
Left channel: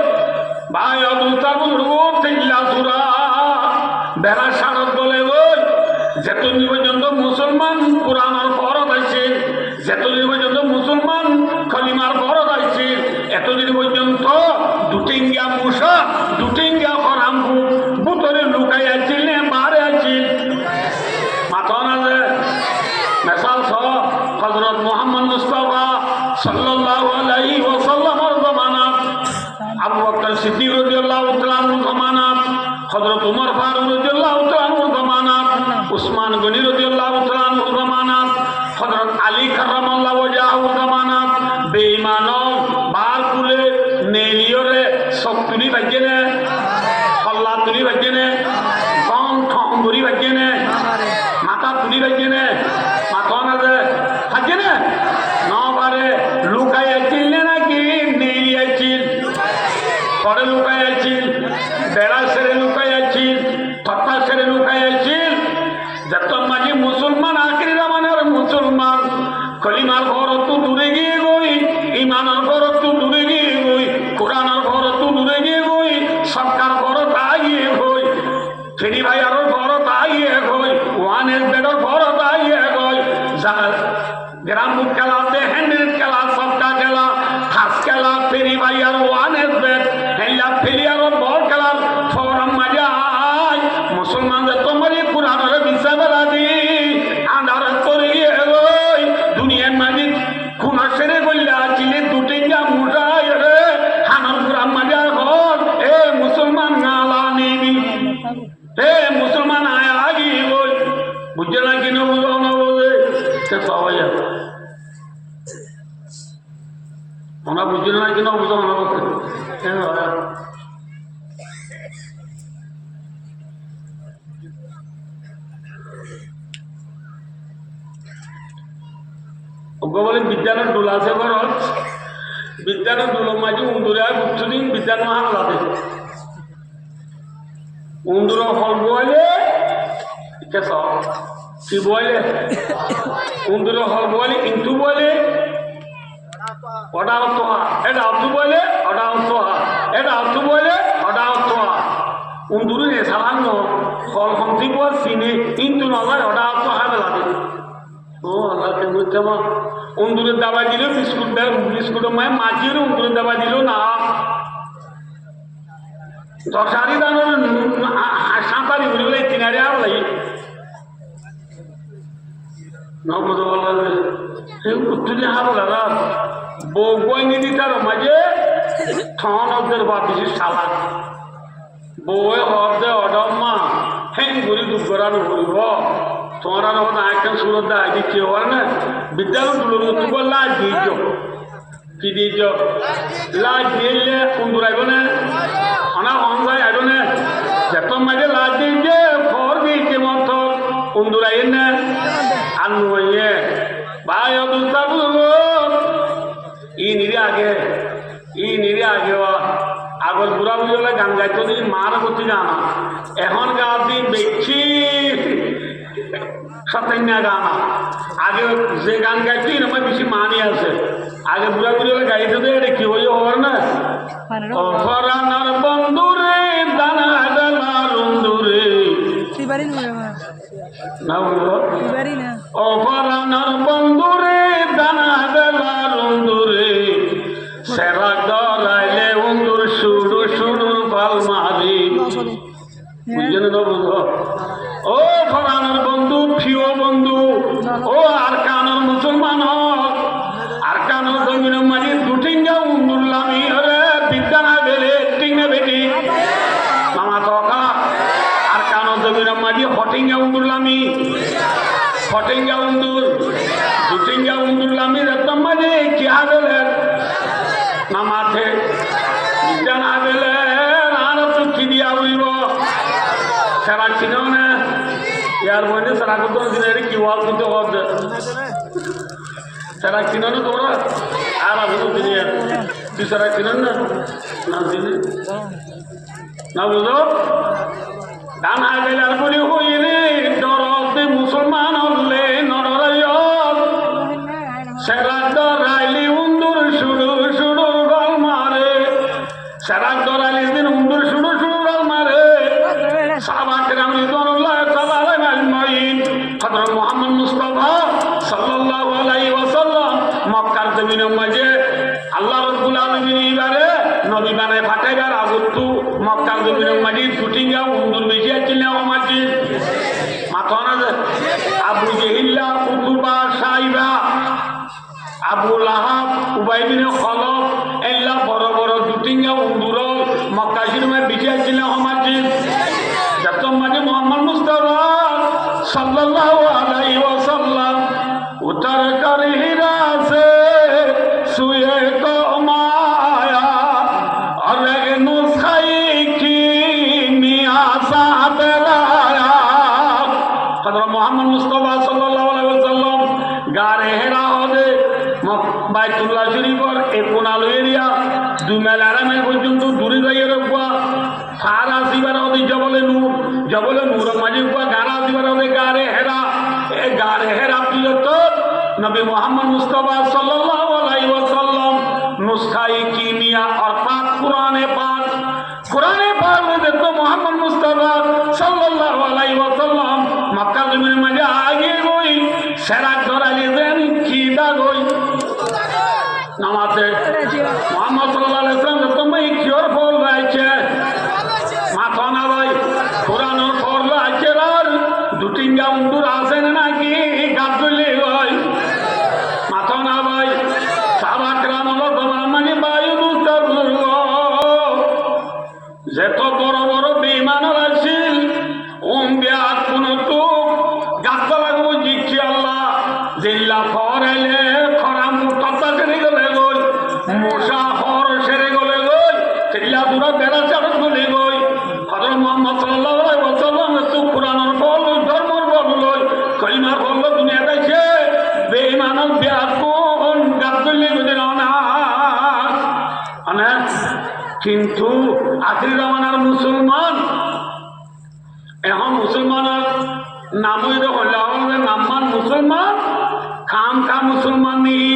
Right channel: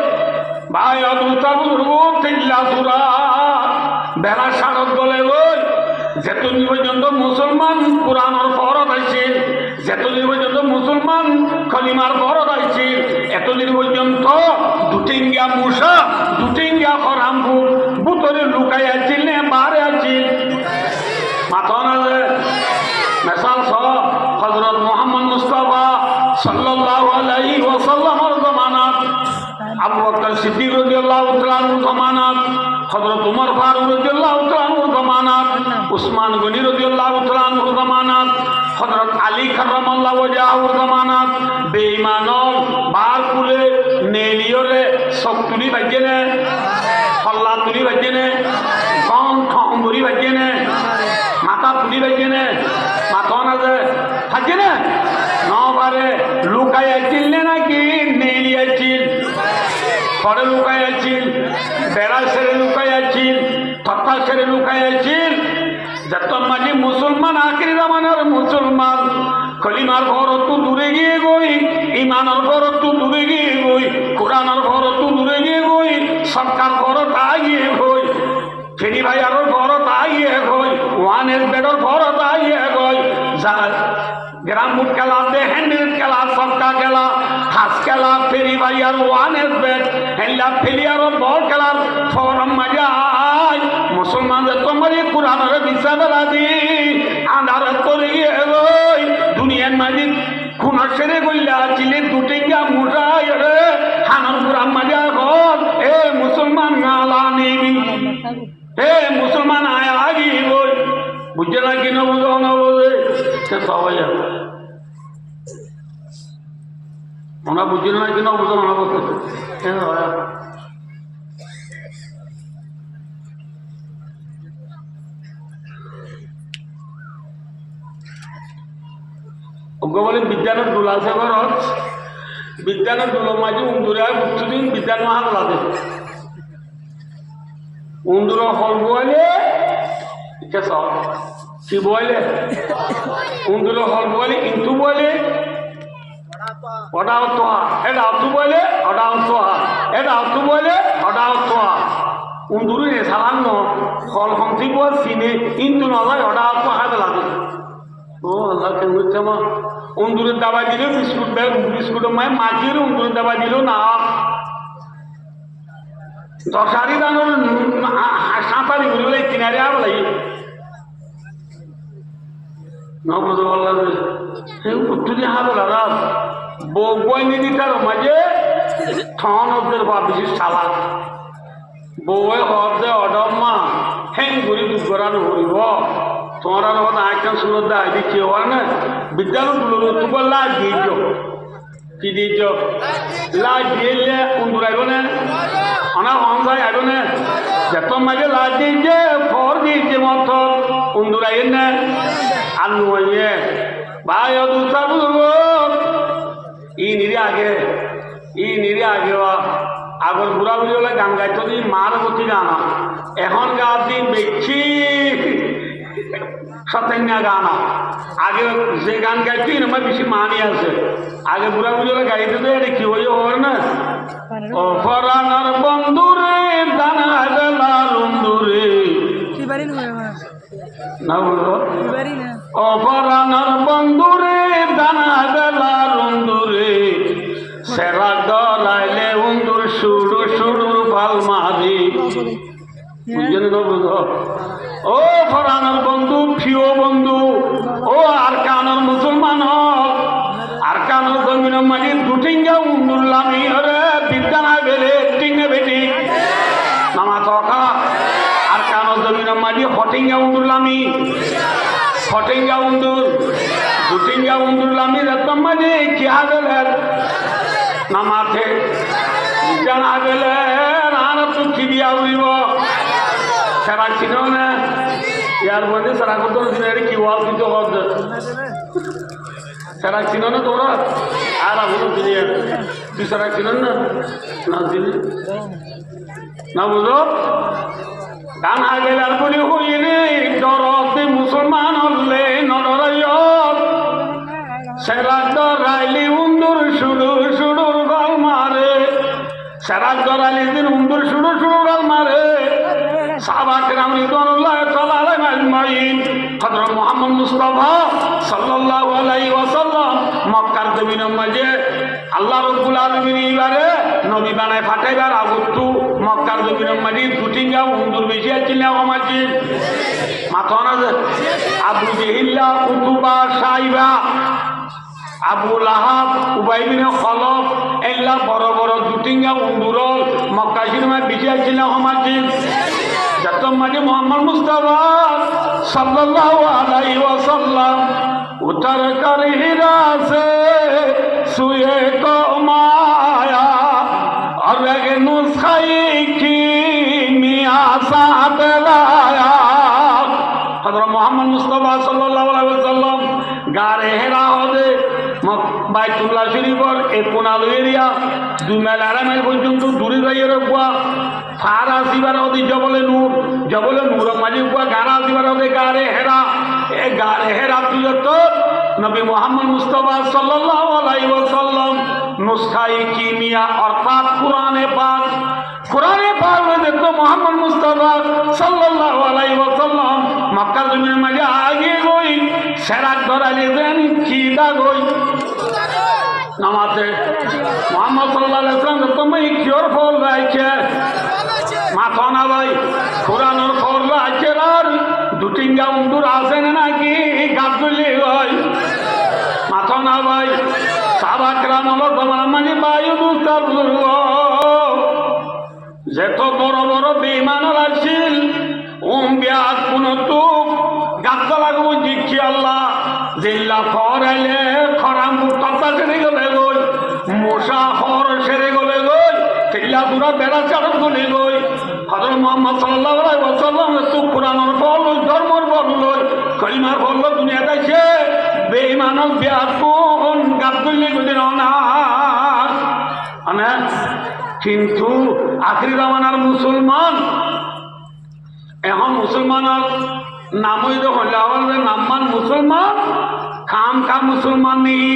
ভাই বেড়া সারত গলে গই যতদিন পর্যন্ত মুসলমান কোরআনের ফরজ আছে যতদিন পর্যন্ত মুসলমান কলিমার ফরজ আছে এতদিন পর্যন্ত দুটিঙ্গা মুসা দুটিঙ্গা হরাম বুতরে লুকাই আছিল নে বারে আছিল মাথা না মেসাল সহ হযরত মুহাম্মদ মুস্তাফা সাল্লাল্লাহু আলাইহি ওয়াসাল্লামের জামানাত আবু বকর সিদ্দিক রাদিয়াল্লাহু তাআলা আনহু জামানাত হযরত উমর ফারুক রাদিয়াল্লাহু তাআলা আনহু জামানাত উসমান গনি রাদিয়াল্লাহু তাআলা আনহু জামানাত হযরত আলী কাররামাল্লাহু ওয়াজহাহু জামানাত বেঈমানল বার কুলে নেলিয়রে শক্তুনি বাজেনে হল্লা তুলি বাজেনে কন ঠঙ্গুরি বাজেনে মাথা তুলি বাজেনে মাথা না যে বাজেনে নবারে লুকাই আছিল নাকি নেলি আছিল ঘরে লুকাই আছিল বেড়া সেরে লুকাইয়াছিল তথা সেরে লুকাইয়াছিল যত মাঝে মুসলমান আখিরি জামানার মুসলমান কলিমার ঘরতো দূরে গিয়ে গই ইমানের ঘরতো দূরে গিয়ে গই কোরআনের ঘরতো দূরে গিয়ে গই সরকার ঘরত আগিয়ে গই ফেরি ভাইয়ার ঘরত আগিয়ে গই ওয়ানের বেডর ঘরত আগিয়ে গই গ্রাম খেলা হ্যান্ডেল খেলা সবকা খেলা হাস খেলা ফেরি ভাইয়ার ওয়ানের বেড হেল্লা ফেলিয়ার বল খেলার ফরম মজা মুসলমানদের তোমার কোরআনের বিচার দি আন্ধার করে গিয়ে রই দুনিয়ার মাঝে খুনা সেরে গল্লা চিলে দুটিঙ্গা মুঠাই রে হানার কোরআন মাজা হল এ মুসলমান নালা নেবি হে মুসলমান আয় আগি বল বুঝে না কিনা বুঝো না বলে সবাই ওনা বুঝে না কিনা বুঝো না বলতে বলে বিজ্ঞানের দোল আছে ঘরত বিজ্ঞানের দোলের মাঝে উন্দুরে আর বুঝছুদিন বিজ্ঞান মাহান লাগে উন্দুর ফল বইলে কি বইলে উন্দুর ফল বইলে কিন্তু বইলে ওটা তোহা এটা আত্মু বইলে ওটা তোহা এটা আত্মু বইলে ওটা তোহা উন্দুরি রে সালান্ন ফল হংসি বল চিনে কিন্তু নয় ওটা তোহা লাগে ও আল্লাহ কেমন কেমন উন্দুরের দাবা দিল বিস্কুটের মায় মাছির উন্দুরের দাবা দিল না দশারি দানোর সাঁতারি ঘুরে কিনারে আবলাই নবুঝে বললা উত্তরি হাবলা বই নিদি তার মাঝে ঠনদের বা বেশি সালা বই হদে অডম্মা হেন ঘুরি দুর্গরানো হইব তোমার আইকান সুরত দা আইডি কেউ আর না বিদ্যালয় তুলো তুবার লাজ দিয়েছ কি দিয়েছ লাজ দিলে কুন্দুর আইব না অনার অনসাই আইব না যত মাঝে লাজ দিয়েছে ফর দিয়েছে মতন কুন্দুর আইন না আর নইয়ে ভাই দুটা ই নিরে আগে আগর বুড়া বুড়ি হলে গান গাইতো দি মার প্রতি গানা এখন গা দিন বেশি সতেন্যা গানা আগে যে গান গাইছি আমার বেশি মানি আছে আগে বুড়া বুড়ি হলে গাইতে দে এটা কি হইয়া হওয়ার না অফরানার বন্ধুরে দানা গেলা লুন্দুরে না বলো অফরানার বন্ধুরে দানা গেলা লুন্দুরে সেরা গলাইলে উন্দুর সুরু সুরুর পাল মারি বুঝলেন না বুঝো ও ফরানোর বন্ধু প্রিয় বন্ধু ও আর কানোর মুসলমান হক আর কানোর জমিন মাঝে দুটিঙ্গা উন্দুল্লামি হরে বিদ্যানা বেলে টিঙ্গে বেটি নামা তকা আর কানোর জমিন মাঝে হটিঙ্গা উন্দুল্লামি হটিঙ্গা উন্দুর দুটিঙ্গা উন্দুল্লামি রতম মাঝে কি আগলের নামাতে বিজ্ঞান আগলে আর তো কি দিয়া উইব সারা চিনো না ইয়ার মধ্যে সারা কত কি ওয়াল কিন্তু হচ্ছে সারা চিনো না তোরা আর বুঝো তিনি তুই সারা চিনো না না চিনি না বুঝো দান আগলে আর বলি হই রে ডরতে মুসলমান হলে নররাইয়ত সেরা ডরাইলি উন্দুর সুদূর সুদূর গল মারে সেরা ডরাইলি দিন উন্দুর সুদূর সুদূর গল মারে সাহাবায়ে কেরাম রিদওয়ানুল্লাহ তাআলা আলাইহিম আজমাইন হযরত মুহাম্মদ মুস্তাফা সাল্লাল্লাহু আলাইহি ওয়াসাল্লাম মক্কার জমিনের মাঝে আল্লাহ রাব্বুল আলামিন এবারে নবী বানায় পাঠাইবার আগতু মক্কার জমিনের মাঝে দুটিঙ্গা উন্দুর বেশি আছিল আমাজি মাথা না আবু জেহিল্লা উতুবা সাইবা আবু লাহাব উবাই বিন খলফ এল্লা বড় বড় দুটিঙ্গা উন্দুর মক্কা শরীফে বেশি আছিল আমাজি যত মাঝে মোহাম্মদ মুস্তাফা সাল্লাল্লাহু আলাইহি ওয়াসাল্লাম উতর কর হিরা সে সুয়ে কো মায়া और नुस्खाई की मियासा बेलाया हज़रत मोहम्मद मुस्तफा सल्लल्लाहु अलैहि वसल्लम गारे हेरा होदे বাইতুল্লাহ শরীফর এই কোনালো এরিয়া 2 মাইল 2.5 মাইল পর্যন্ত দূরে যাইয়ে রাখবা ফার আসিবার ওদি জবলে নূর মাঝে উপর গাড়া আসিবার ওদি গাড়ে হেরা এ গাড়ে হেরা তুই তো নবী মোহাম্মদ মুস্তাফা সাল্লাল্লাহু আলাইহি ওয়াসাল্লাম নুসখায়ে কিমিয়া অর্থাৎ কোরআনে পাক দেখো মোহাম্মদ মুস্তাফা সাল্লাল্লাহু আলাইহি ওয়াসাল্লাম মক্কা জমিনের মাঝে আগে গই সেরাক ধরাইলে দেন খিদা গই নামাজে মোহাম্মদ সাল্লাল্লাহু আলাইহি ওয়াসাল্লাম তুমি কিওর ফল রাইছে মাথা না ভাই কোরআনের ফল রাইছে আর দুটিঙ্গা উন্দুর আছে নাকি গাছ গলে ভাই মাথা না ভাই সাহাবাকরাম হলো তোমার মানে বায়ু দুস্তার যেত বড় বড় বেঈমান আসিল বিয়াত কোন তুক গাছটা লাগবো জিজ্ঞি আল্লাহ জিল্লা ফরাইলে খরাম তত্তা সেরে গলে গই মশা হর সেরে গলে গই চিল্লা পুরা বেড়া চারত গলে গই হযরত মুহাম্মদ সাল্লাল্লাহু আলাইহি ওয়াসাল্লাম তো কোরআনের ফল ধর্মের ফল লই কলিমার ফল দুনিয়া গাইছে বেঈমান বিয়াত কোন গাছ গলে গদিন না আমেন কিন্তু আখির জামানার মুসলমান এখন মুসলমানের নামই যখন নামমান মুসলমান খাম মুসলমান নেই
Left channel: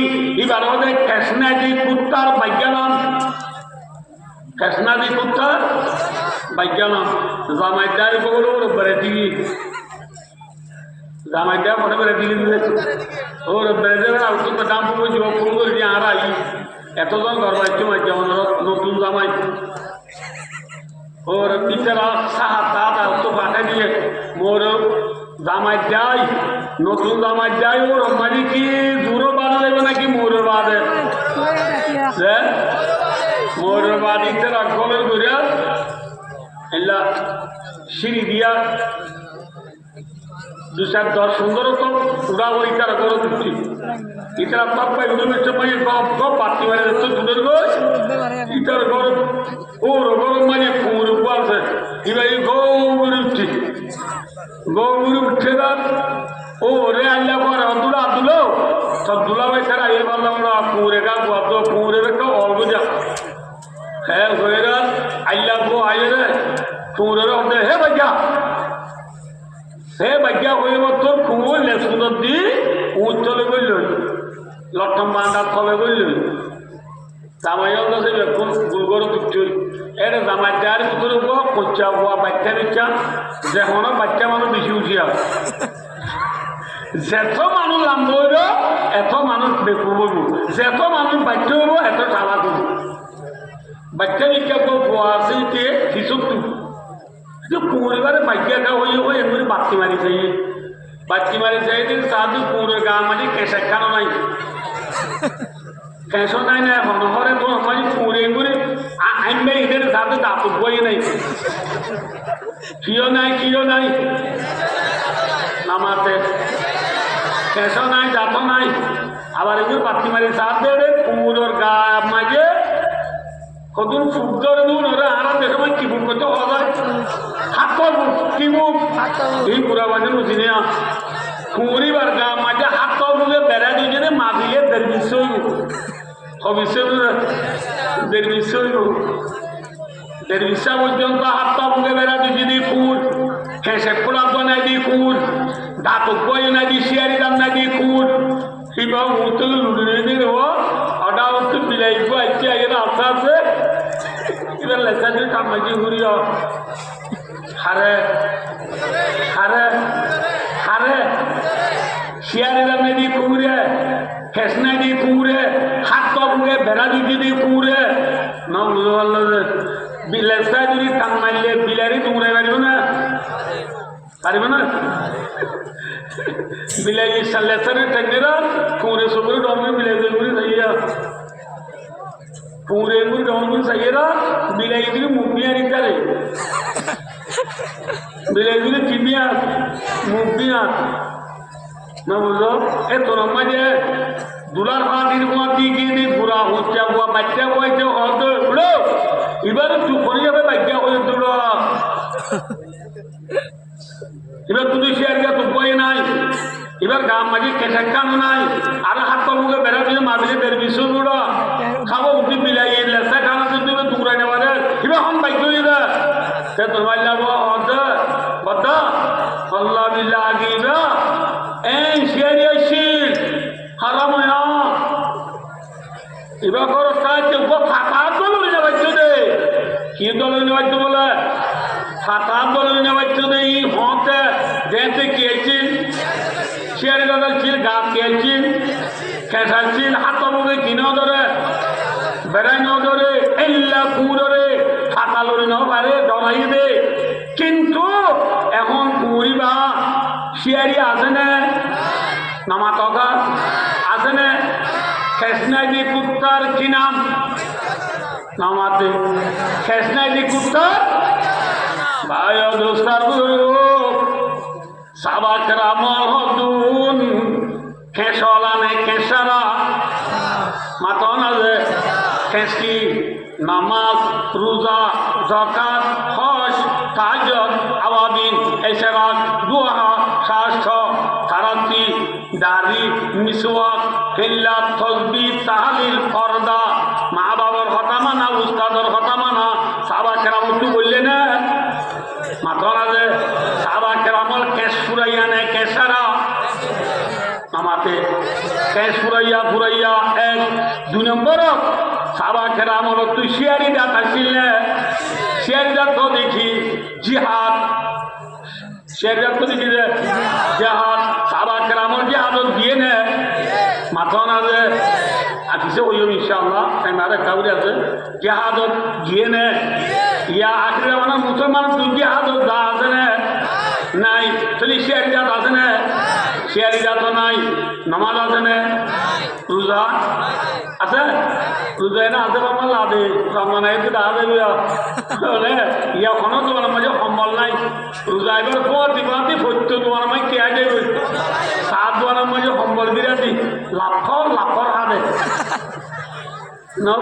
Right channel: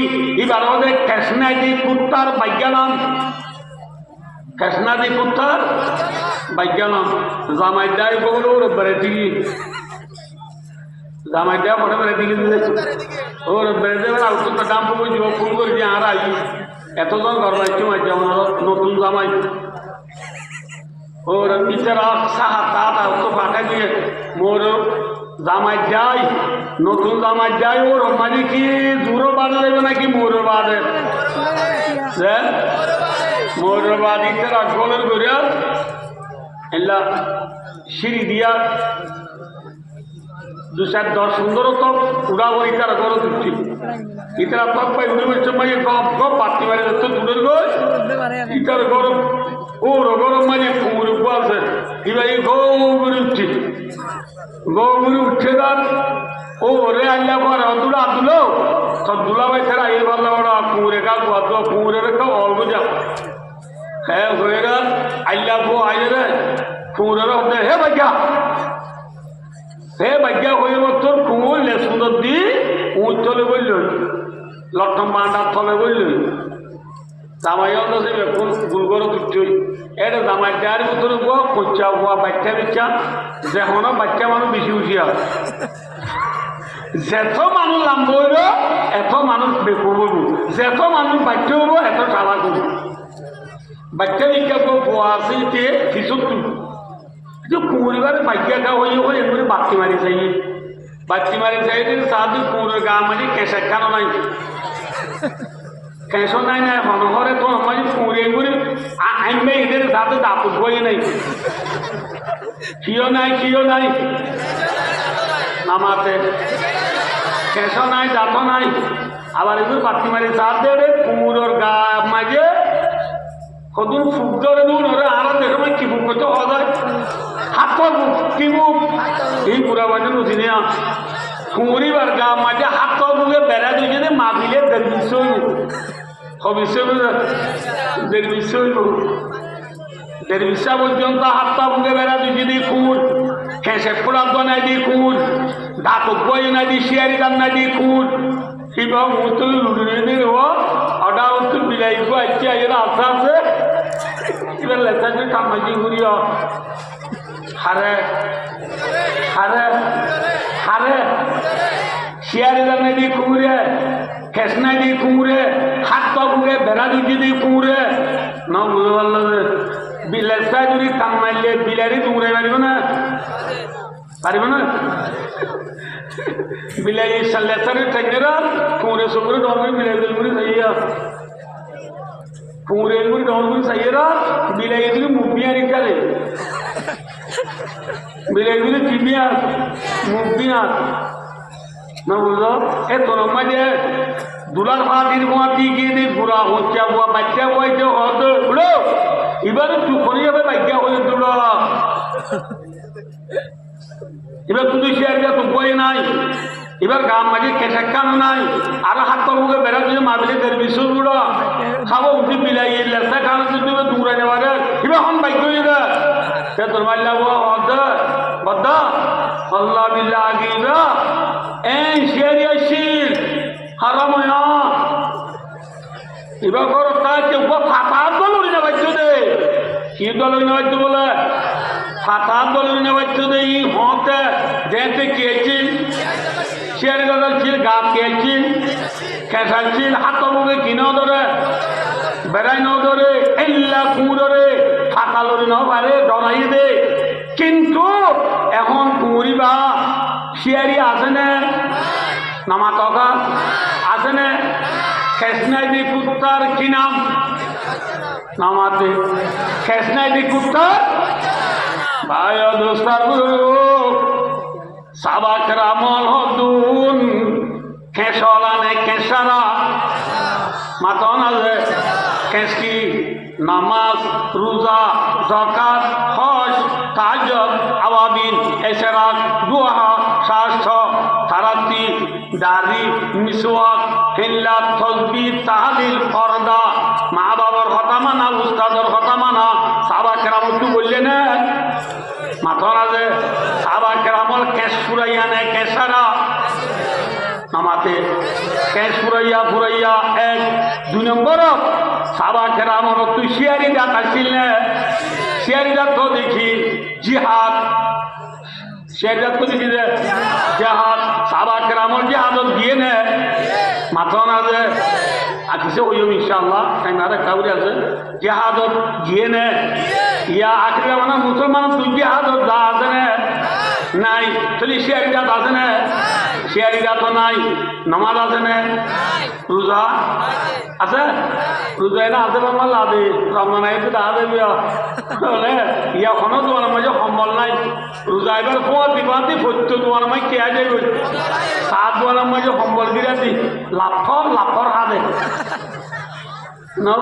এবার ওদের কেসনাদি কুত্তার বাজ্ঞানাম কেসনাদি কুত্তার বাজ্ঞানাম জামাই দেয় বলো বেড়ে দিলি জামাই দেওয়া পরে বেড়ে দিলি ওর বেড়ে দেবে আর তো দাম পাবো ফোন করে দিয়ে আর আই এতজন ঘর বাড়িতে মাঝে নতুন জামাই ওর বিচারা সাহা দাদা তো ফাঁকা দিয়ে মোর জামাই যাই নতুন জামাই যাই ওর মানে কি দূরও বাদ দেবে নাকি মোরের বাদে মোরের বাদ ইতে রসগোলের করিয়া এলা সিঁড়ি দিয়া 2-10 সুন্দর তো উড়া ওই তার গরম দিচ্ছি ইতারা তপ পাই উড়ে সময় গপ গপ পাতি মারে যাচ্ছে দূরের গোস ইতার গরম ওর গরম মানে কুমুর উপর আছে এবার গৌরি উঠছে দাঁত ও রে আল্লাহ পর দুলা দুলো সব দুলা ভাই ছাড়া এর ভালো কুমুরে কা গুয়াদ কুমুরে রেখা অল্প যা হ্যাঁ হয়ে রে আল্লাহ গো আয় রে কুমুরের হবে হে ভাগ্যা হয়ে তোর কুমুর সুন্দর দি উঁচ তলে বলল লটম বান্ডার তলে বলল জামাইও কাছে এখন গুলগরে তুচ্ছই এটা জামাই দেওয়ার ভিতরে কচ্চা হওয়া বাচ্চা বিচ্চা যেখানে বাচ্চা মানুষ বেশি উঠি হয় যেত মানুষ লাম্ব হইব এত মানুষ বেকুর বলব যেত মানুষ বাচ্চা হইব এত চালা করব বাচ্চা বিজ্ঞা পোয়া আছে কিছু কিন্তু কুমুরিবারে ভাগ্যা গা হয়ে হয়ে এমনি বাক্তি মারি চাই সাধু কুমুরের গা মারি কেঁচা খানো নাই কেঁচো নাই না হনহরে তো মানে কুমুরে এমনি আইনবে এদের সাথে দাঁত বই নাই কিয় নাই আমাতে কেঁচো নাই দাঁত নাই আবার এমনি বাক্তি মারি সাথে কুমুরের গা মাঝে কদিন ফুক ধরে দিন ওরা আর দেখো কি ফুক করতে হওয়া হাত কি মুখ এই পুরা বাজে নদীনে কুমুরিবার গা মাঝে হাত বুকে বেড়া দুজনে মাঝিলে দেড় বিশ্ব পর্যন্ত হাত বুকে বেড়া দুজনে কুল খেসে পোড়া বানাই দি কুল ধাতু বই না দি শিয়ারি দাম না দি কুল কিংবা মুতল লুড়ে দিলে অর্ডা হচ্ছে বিলাই আছে আস্তে আস্তে এবার লেখা দিয়ে কামাজি ঘুরিয়া হারে শিয়ারি দামে দি কুমুরে খেসনাই দি কুমুরে হাত পা বুকে বেড়া দুটি দি কুমুরে না বুঝতে পারলো যে লেসায় যদি টান মারলে বিলারি কুমুরে পারিব না বিলাই লেসারে টেকেরা কুমুরে সবুরে ডলবি বিলাই দিলগুলি সাইয়া কুমুরে গুলি ডলবি সাইয়েরা বিলাই দিলি মুখিয়া রেখারে বিলেগুলি কিমিয়া মুখিয়া না বুঝলো এ তোর মাঝে দুলার পাতির গোয়া দিয়ে গিয়ে বুড়া হচ্ছে বুয়া বাচ্চা হয়েছে হতো বুড়ো এবারে তুখনি যাবে বাচ্চা হয়ে তুল এবার তুই শেয়ার গা তো বই নাই এবার গাম মাঝে কেঁচা কানো নাই আর হাত পাবুকে বেড়া দিয়ে মারলে দেড় বিশ্ব বুড়ো খাবো উঠি বিলাই লেসা খানো যদি দূরাই নেবারে এবার হন বাইক হয়ে যা তোর মাইলা হদ বদ্ধ আল্লাহ বিল্লাহ আগিবা এই শিয়ারি শির হারাম এবার করো প্রায় কেউ ফাঁকার দলুরি না বাচ্চ দে কি দলুরি না বাচ্চ বলে ফাঁকার দলুরি না বাচ্চ দে ই হতে দেখতে কিয়েছি শিয়ারি গাছ ছিল গাছ কিয়েছি খেসাচ্ছিল হাত মুখে কিনেও ধরে বেড়াই ন ধরে এল্লা কুঁড়রে ফাঁকা লড়ি ন পারে ডরাই দে কিন্তু এখন কুঁড়ি বা শিয়ারি আছে না নামা কাকা আছে না খেসনাই দি কুত্তার কি নাম নামাতে খেসনাই দি কুত্তার ভাই দোস্তার সাবাক রামল হদুন খেসলানে খেসারা মাতন আছে খেসকি নামাজ রোজা যাকাত হজ তাহাজ্জুদ আওয়াবিন ইশরাক দুহা শাস্ত্র তারাতি দাড়ি মিসওয়াক হিল্লা তাসবিহ তাহলিল ফরদা মা বাবার কথা মানা উস্তাদের কথা মানা সাহাবা কেরাম তো বললেন না মাথা আছে সাহাবা কেরামল কেশ ফুরাইয়া নে কেসারা নামাতে কেশ ফুরাইয়া এক দুই নম্বর সাহাবা কেরামল তুই শিয়ারি দাঁত আসছিল না শিয়ারি দাঁত তো দেখি জিহাদ শিয়ারি তো দেখি যে জিহাদ সাহাবা কেরামল জিহাদত গিয়ে নে মাথা আছে আর কিছু হইও ইনশাআল্লাহ টাইমারে কাউরি আছে জিহাদত গিয়ে নে ইয়া আখরে মানে মুসলমান তুই জিহাদত যা আছে না নাই তাহলে শিয়ারি জাত আছে না শিয়ারি জাত নাই নামাজ আছে না রোজা আছে রোজাই না আছে বাংলা লাদে রমজান আইতে দা দেবে ইয়া কোনো তোমার মাঝে সম্বল নাই রোজা এবার কোয়াতি বাতি ফত্য তোমার মাঝে কে যাবে সাত তোমার মাঝে সম্বল বিরাতি লাফর হাতে না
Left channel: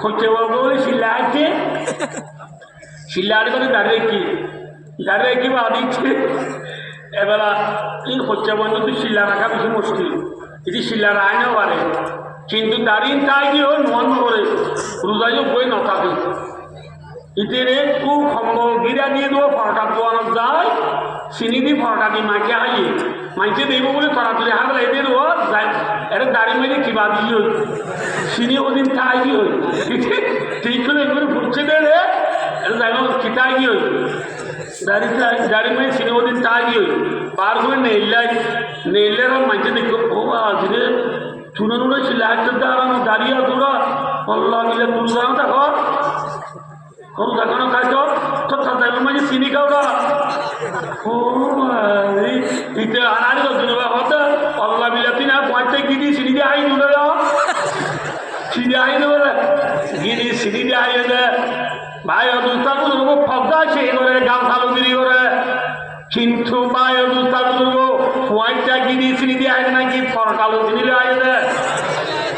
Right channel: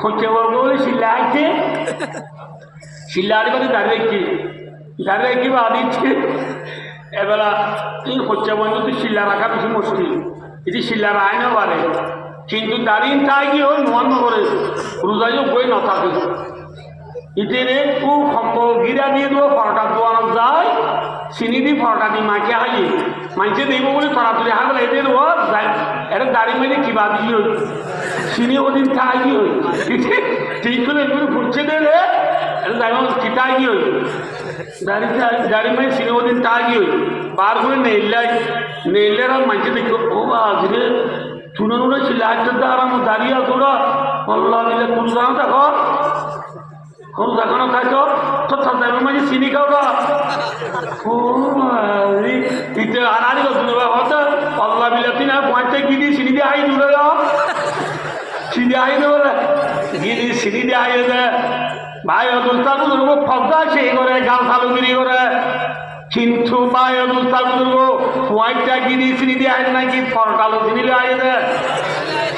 হচ্ছে বলে শিল্লা আইছে শিল্লা আড়ি বাড়ি দাঁড়িয়ে কি বা দিচ্ছে এবার এই হচ্ছে বন্ধু তুই শিল্লা রাখা বেশি মুশকিল এটি শিল্লা রায় না পারে কিন্তু দাঁড়িয়ে তাই কি হয় নোয়ান করে রোজাইও বই না থাকে ইতেরে খুব সম্ভব গিরা দিয়ে দেবো ফরটা দোয়ানো যায় চিনি দি ফরটা দি মাকে হাইয়ে মাইছে দেব বলে তড়াতড়ি হাগলে এদের ও যায় এটা দাড়ি মেরে কিবা দিয়ে হই চিনি ওদিন খাই কি হই ঠিক করে এগুলো ফুটছে দে রে এটা যাই কিতাই কি হই দাড়ি মেরে চিনি ওদিন তাই কি হই বার করে নেইলে আর মাইছে দেখো ও আজকে চুনো নুনে ছিল একটা দাঁড়ানো দাঁড়িয়ে তোরা আল্লাহ মিলে তুল জানো দেখো কোনো দেখানো খাইছ তো তাদের মাঝে চিনি খাও না ও ইতে আনারি শুনে হতো আল্লাহ বিলাতি না পয়েন্টে গিরি চিনি দিয়ে আই দূরে যাও চিনি আই দেবো গিরি চিনি দিয়ে আই দে ভাই অদুস্তার বুজুর্গ ফজা সেই করে গাল ফালুগিরি করে কিন্তু ভাই অদুস্তার বুজুর্গ পয়েন্টটা গিরি চিনি দিয়ে আই নাকি ফরকালো চিনি দিয়ে আই দে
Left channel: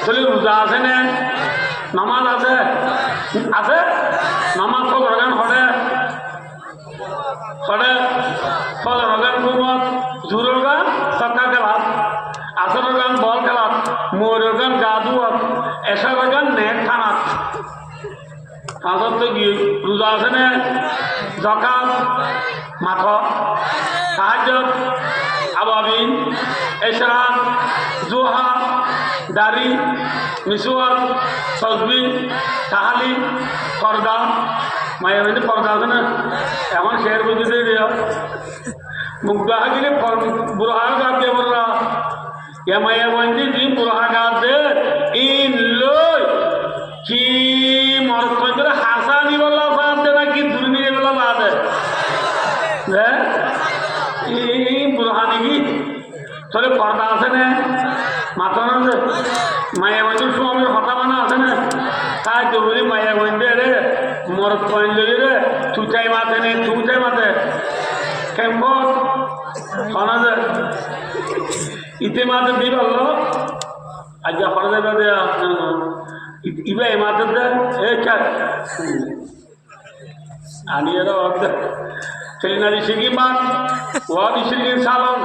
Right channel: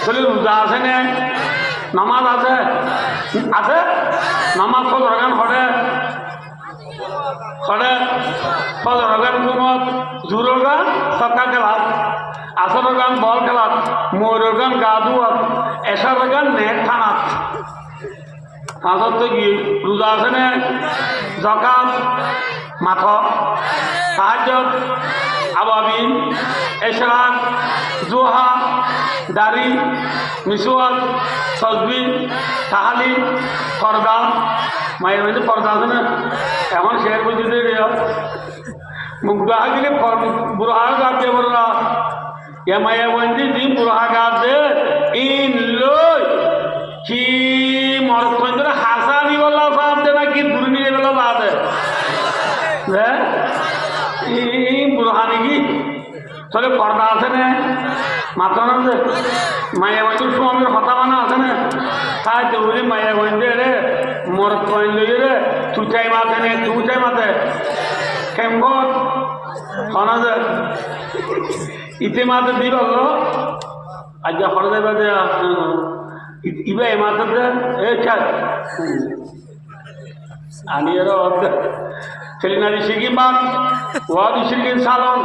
বলে রোজা আছে না নামাজ আছে আছে নামাজ ফজরগান হরে ফজরগান ঘুমত জোরের গান সক্কা খেলাত আসরের গান বল খেলাত ময়ূরের গান গা ধুয়াত এশারের গান নেট থানাত পাঁচত তো গিয়ে রোজা আছে না যাকাত মাথ তাহাজ্জুদ আওয়াবিন ইশরাক দুহা দাড়ি মিসওয়াক তাসবিহ তাহলিল ফরদা মায়ের মধ্যে ফরদা আছে না এখন শের বুঝতে মুগ্ধা গেলে বুড়া গাছ দিয়ে বলরা এ মায়ের মধ্যে যে বুড়া গাছ দে ইন লই কি মরদ পর্যন্ত হাসা নিবলা সাপ দে না কি দূর নিয়ে গেল বাদে হ্যাঁ এই বুড়া নাকি তাহলে পর্দা আছে না মাথা না যে মায়ের মধ্যে স্বামীর হতা বানা আছে না তাই তো বলি মায়ের মধ্যে রে মর কয়েন লই রে চুচাই মাথে নে চুচাই মাথে কেমন শোনা যে ইতে মাথে দিব আজ হরে দেবে দে ইবা এ মাথে দে এ চার আনি এর সেলিনারি শিখি বাঘ ওয়াদি শিখি সালন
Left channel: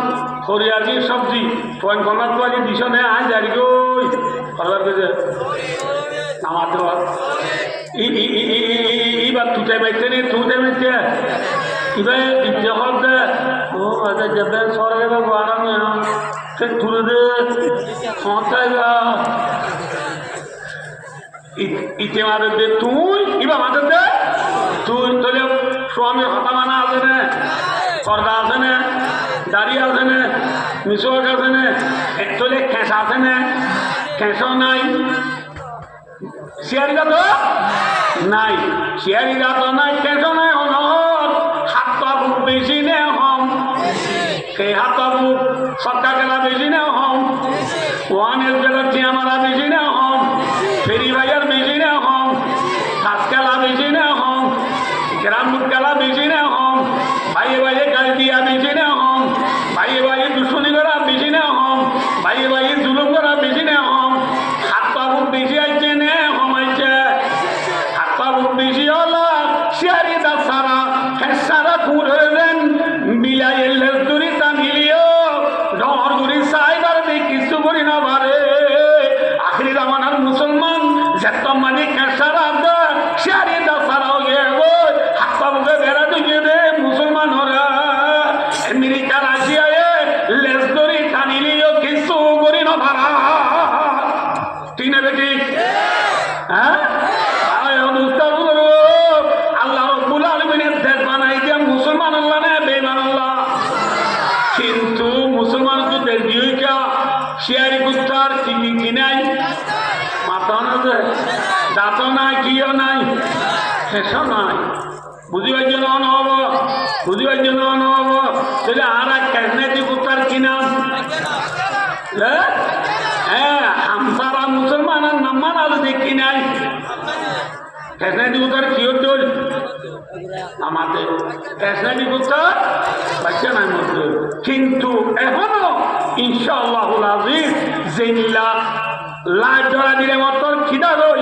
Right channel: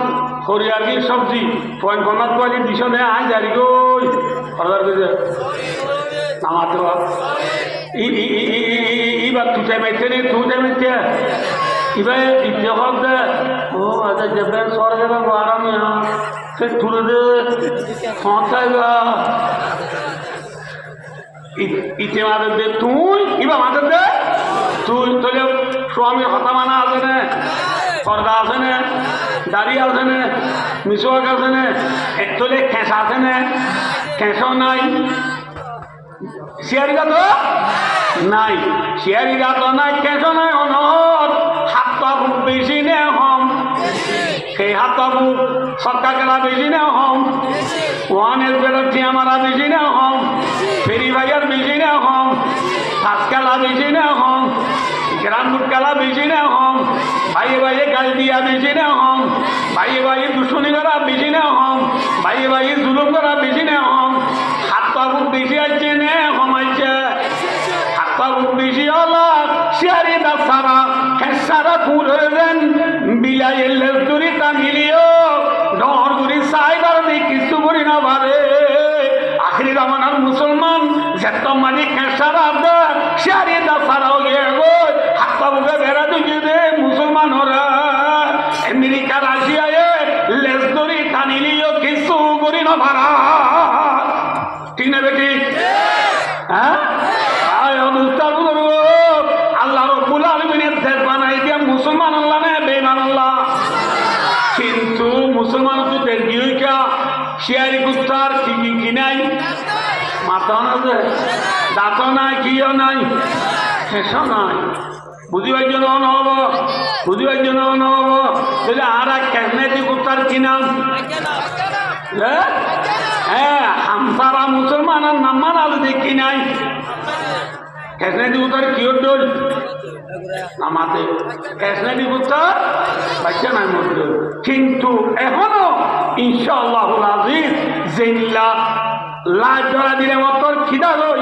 হরিয়ারি সবজি পয়েন্ট কর্নার কোয়ালি দিশনে আয় জারি গই অর্ডার দিতে আমাদের ইবার তুতে বাইতে নে তুতে বাইতে ইবার ইচ্ছে হবে ও আচ্ছা যাবে সরে যাবে আরামে সে তুলে দে হতাইবা ইচ্ছে মাদের দে তুই ইবা মাদের দে তুই তোলে স্বামীর হতা মানা আছে না সরকার আছে না দাঁড়িয়ে আছে না মিশক আছে না তোলে খেঁসা আছে না খেঁসও নাই শিয়ারিরা তো নাই শিয়ারিরা তো নাই খেঁসও নাই অনহর হাত পাবুক বেশি নে হম সেই হাত পাবুক সরকার গেলা বেশি নে হম ওয়ানের বেরোচ্ছি আমার বেশি নে হম ফেরি ভাইয়ার বেশি নে হম হাত খেলা বেশি নে হম গ্রাম খেলা বেশি নে হম ভাইয়ে ভাইয়ে গাল দিয়া বেশি নে হম ভাইয়ে ভাইয়ে দুশ্মনী করা বেশি নে হম ভাইয়ে ভাইয়ে জুলুম করা বেশি নে হম হাত পাবুক বেশি আছে নে হম আছে হাত পাবুক বেশি হলো শিয়ারি দা সারা সারা পুরেন বিলাইয়ের লেজদুরি টানিলিও ডর দুরি সাইবার দিয়ে কিছু করি না পারে আখরি জামানার মুসলমান যেত মানে খেসারা দে শিয়ারি দা সারা হয়ে গো হাত পাবুকে বেড়া দিয়ে দে মুসলমান ওরা আমেরিকা রাশিয়ায় লেজদুরি টানিলিও কিছু করি না পারা ঠিক না বেটি হ্যাঁ আল্লাহ রব্বুল আলামিনের দেশ বানাই দিয়া মুসলমান আল্লাহ না বেঈমান আল্লাহ কিন্তু মুসলমান তো দেশ দিয়ে শিয়ারি কুস্তার কি নাই মাথা না দাঁত নাই কিও নাই শেষ নাই বুঝিবার জন্য নহব বুঝিবার জন্য নহব তাহলে আর ক্যাশনেটি কুস্তার কি নাম হ্যাঁ হামসারা মুসলমানের নাম মানাল দেখি নাই ক্যাশনেটি কুস্তার কিও ডোল আমাদের ক্যাশনেটি কুস্তার বাচ্চা নাই মধ্যে কিন্তু এখনো ইনশাআল্লাহুল আজিজ জিল্লা লাজ জড়া দিলে মতর খিদা রই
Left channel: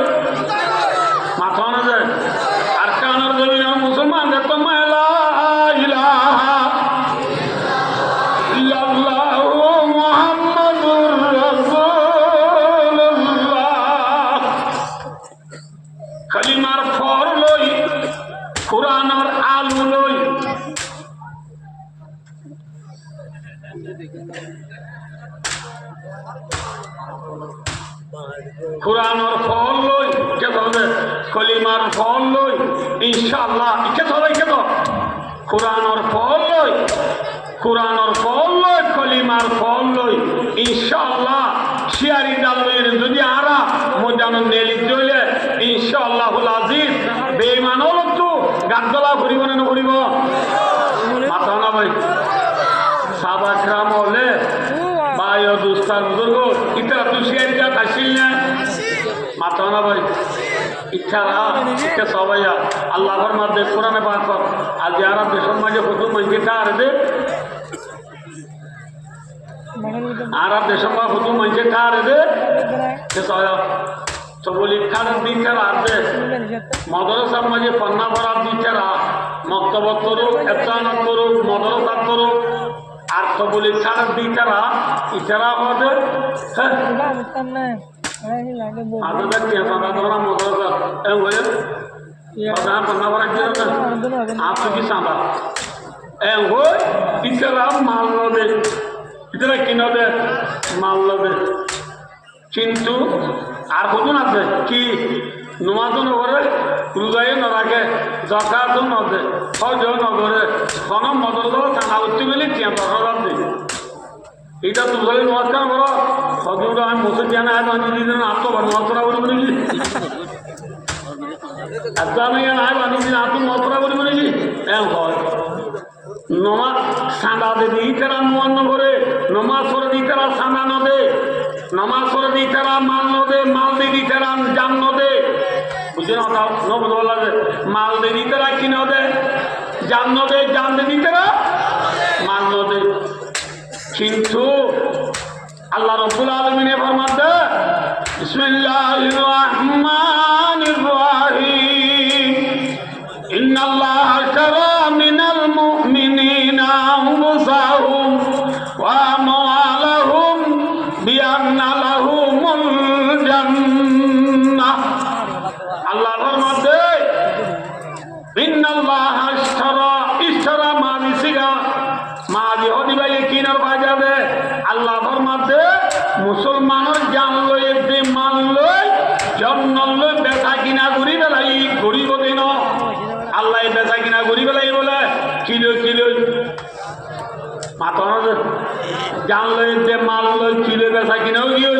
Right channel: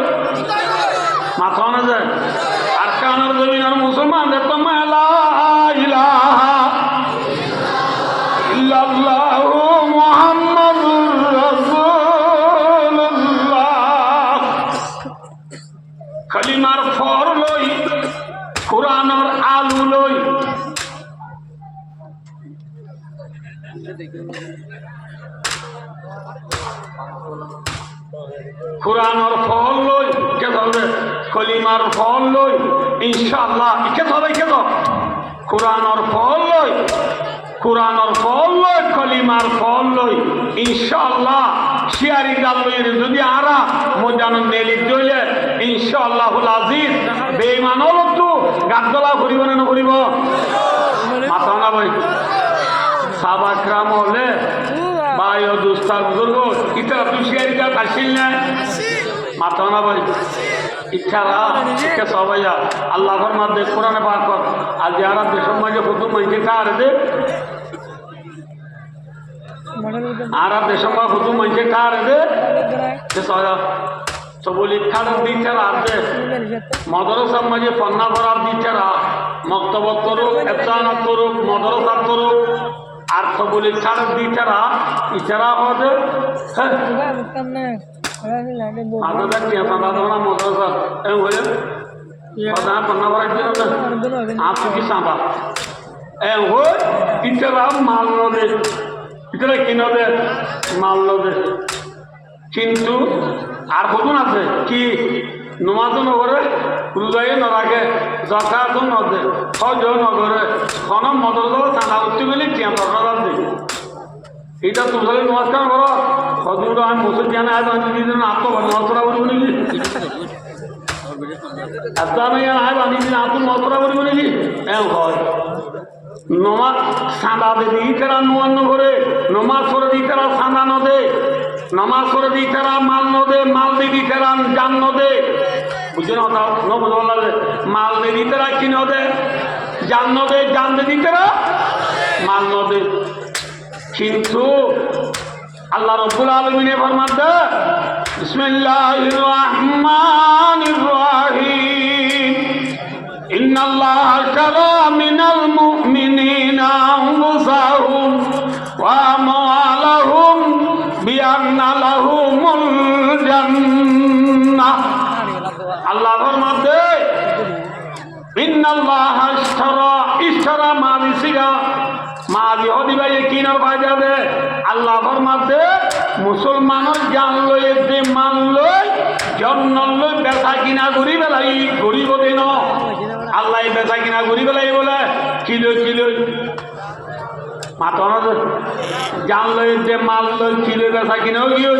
মাথা না যায় আর কানার জমিনের মুসলমানদের তো মেলা ইলাহা ইল্লাল্লাহু মুহাম্মাদুর রাসূলুল্লাহ কালিমার ফর লই কুরআনের আলু লই কুরআনের ফল লই কে ধরবে কলিমার ফল লই ইনশাআল্লাহ কে ধরে কে ধর কুরআনের ফল লই কুরআনের ফল লই কলিমার ফল লই ইনশাআল্লাহ শিয়ারি দালইর যদি আরা মজানো নেলি দইলে ইনশাআল্লাহুল আজিজ বেঈমান হলো তো গাদলা করিব না করিব মাথা না ভাই সাবাকরাম হলে ভাই ও দুস্তার বুজুর্গ ইটা তুই শিয়ারিটা খাসিল না মাথা না ভাই ইচ্ছারা ইচ্ছা সবাই আল্লাহর মাধ্যমে কোরআনে পাক কর আর যারা দেশের মাঝে হুজুর মাইকে কার দে আর দেশের মাঝে হুজুর মাইকে কার দে সে সবাই সবলি খান দিচ্ছার আছে মদরসার মাঝে পন্না ভরার দিচ্ছার মক্তব করুক এফতানত করুক মদরসা করুক আর সবলি খান দিচ্ছারা ইচ্ছারা হবে আদর কি সাদা মদরসা এম হয়ে পন্না ভরার দিন আপনি কি সাদা এম হয়ে ইচ্ছারা মাল নদে ইতরা কিনদে মাল নদে কিন্তু আর কজন আছে কি নমাজও নগরে রোজাই নরাখে জকাতও নদে হজও নগরে কোনো মদরদ চাঁদা করতে গেলে টিয়া দরকার দিই এইটা তুলে নমাজ কেন করো হজুর আমি মসজিদ জানা বানিয়ে দিন আত্ম নমাজ করা বলব নাকি আত্ম আমি বানিয়ে দিন আত্ম নমাজ করা বলব নাকি এম হয় নমাজ চাঁদা দেবে ইতারা নোয়ান্ন করে নমাজ করে দিই তারা চাঁদা নদে নমাজ করে দিই তারা মাল নদে মাল দিদি তারা জান নদে বুঝে না বুঝতে লাগে মাল দিদি তারা কি নদে জান দিদি তারা মাল নদে কিন্তু আল্লাহ রাব্বুল আলামিন ফরমাতে বিসমিল্লাহির রাহমানির রাহিম ইন্নাল্লাহা শারা মিনাল মুমিনিন আন্না লাহুমুল জান্নাহ আল্লাহ ফরমাতে ইন্নাল্লাহ ইশতারা মা বিসিগা মা জিহদি ভাই কিনার বাজাবে আল্লাহ ফরমাতে মুসলমানের জান লই দে মান লই জন্ন লই বেচা কিনা করি বেলাই গরিব দিন আল্লাহ বেচা কিনা করি বেলাই বলে কিলো কিলো মাতন জান লই দে মাল লই কিলো বেচা কিনাও গিয়ে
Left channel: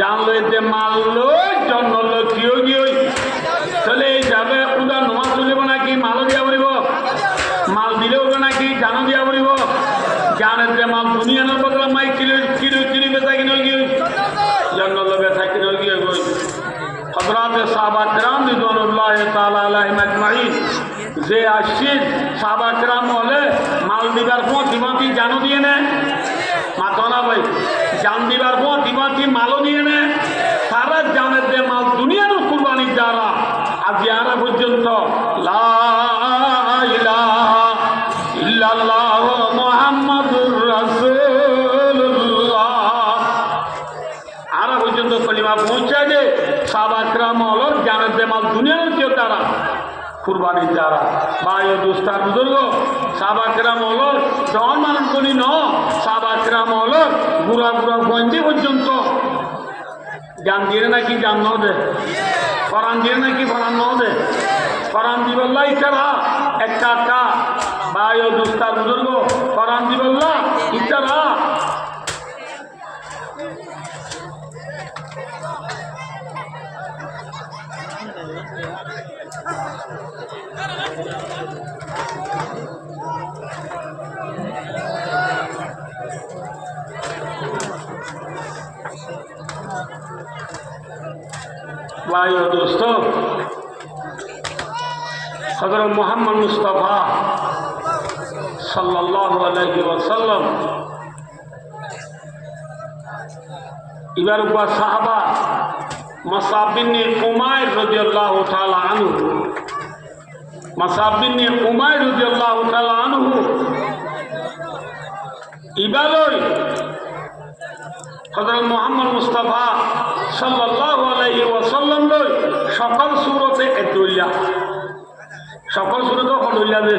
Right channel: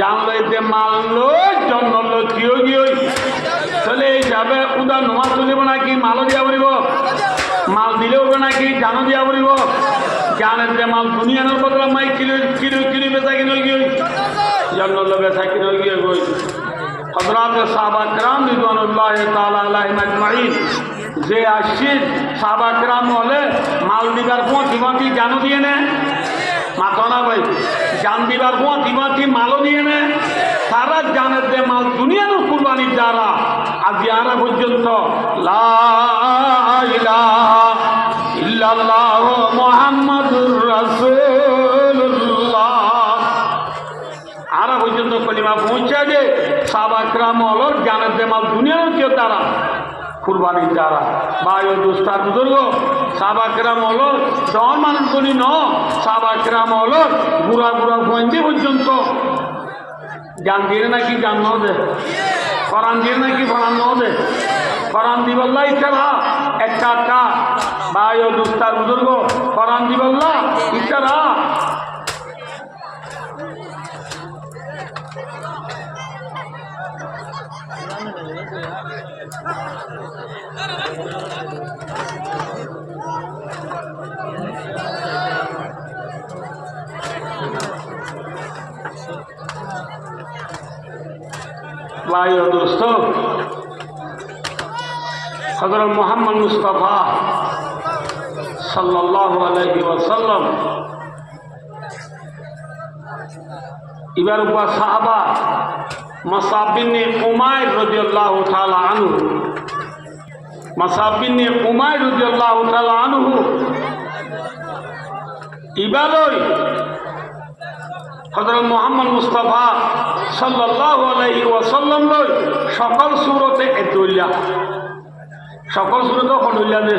জান লই দে মাল লই জন্ন লই কিও গিয়ে চলে যাবে উদা নমাজ চলিব নাকি মালও দিয়া পড়িব মাল দিলেও নাকি জানো দিয়া পড়িব জানের যে মাল দুনিয়ার বদলা মাই কিলো কিলো কিলো বেচা কিনে গিয়ে জন্ন বেচা কিনে গিয়ে গই হযরত সাহাবা کرام রিদওয়ানুল্লাহ তাআলা আলাইহিম আজমাইন যে আশির সাহাবা کرام হলে মাল দিবার পর দিবাতি জানো দিয়ে নে মাতনা ভাই জান দিবার পর দিবাতি মালও দিয়ে নে সারা জানের যে মাল দুনিয়ার কুরবানি যারা আজ ইয়ারা পর্যন্ত লা ইলাহা ইল্লাল্লাহ মুহাম্মাদুর রাসূলুল্লাহ আরা পর্যন্ত কলিমা পৌঁছা যে সাহাবা کرام হল জানের যে মাল দুনিয়ার কেউ তারা কুরবানি যারা ভাই ও দোস্তার বুজুর্গ সাহাবা کرام হল ডন মানুষ করি ন সাহাবা کرام হল বুড়া বুড়া পয়েন্টে পর্যন্ত জান দিয়ে নাকি জান ন দে ফরান দিয়ে নাকি ফরান ন দে ফরান দিবল্লা ইচ্ছারা একটা কা ভাই ও দোস্তার বুজুর্গ ফরান দিবল্লা ইচ্ছারা भाई और दोस्तों हज़रत मोहम्मद मुस्तफ़ा सल्लल्लाहु अलैहि वसल्लम इबार उबा साहबा मसाब बिन उमैर रज़ियल्लाहु ताला अन्हु मसाब बिन उमैर रज़ियल्लाहु ताला अन्हु इबालोई হযরত মুহাম্মদ মুস্তাফা সাল্লাল্লাহু আলাইহি ওয়াসাল্লাম লই সকল সূরতে একদুল্লা সকল সূরতে কদুল্লা দে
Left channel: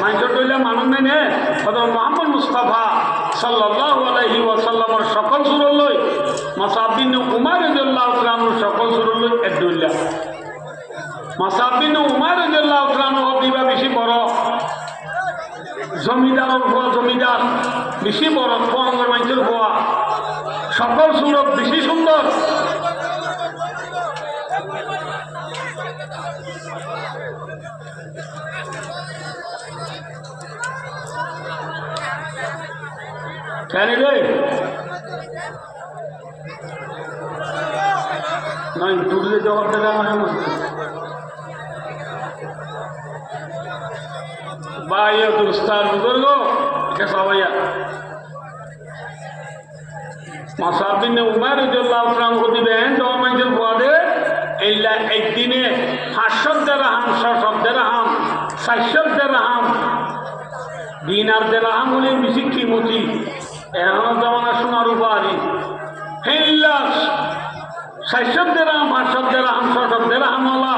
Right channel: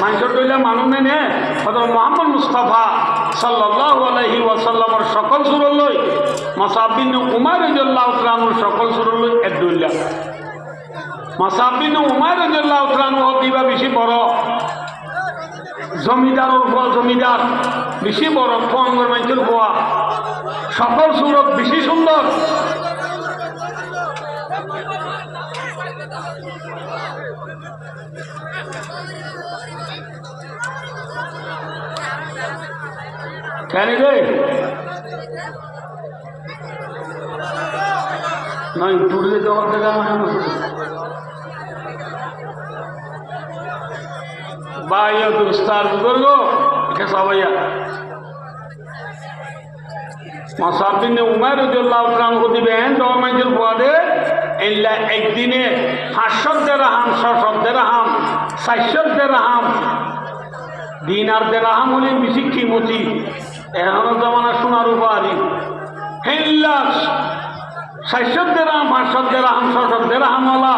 মাইকর দইলা মানুষ নেনে হযরত মুহাম্মদ মুস্তাফা সাল্লাল্লাহু আলাইহি ওয়াসাল্লামের সকল সূরত লই মাসাব বিন উমাইর রাদিয়াল্লাহু তাআলা সকল সূরত লই একদুল্লা মাসাব বিন উমাইর রাদিয়াল্লাহু তাআলা হদিবা বেশি বড় জমিদারের হওয়া জমিদার বেশি বড় কোঙ্গর মানুষের হওয়া সকল সুরত বেশি সুন্দর কেন রে নয় টুটলে দেওয়ার দেখা ভাই দুস্তার বুজুর্গ সবাইয়া মাসাব বিন উমৈর রাদিয়াল্লাহু তাআলা আনহু দিবেন দরমাইজের পরে এলা একদিনে 500 দিরহাম 600 দিরহাম 400 দিরহাম দিনার দিরহাম হলে বেশি কিমতি এখন জামানা সোনার উপরি হেল্লা 400 দিরহাম 500 দিরহাম 600 দিরহাম হলা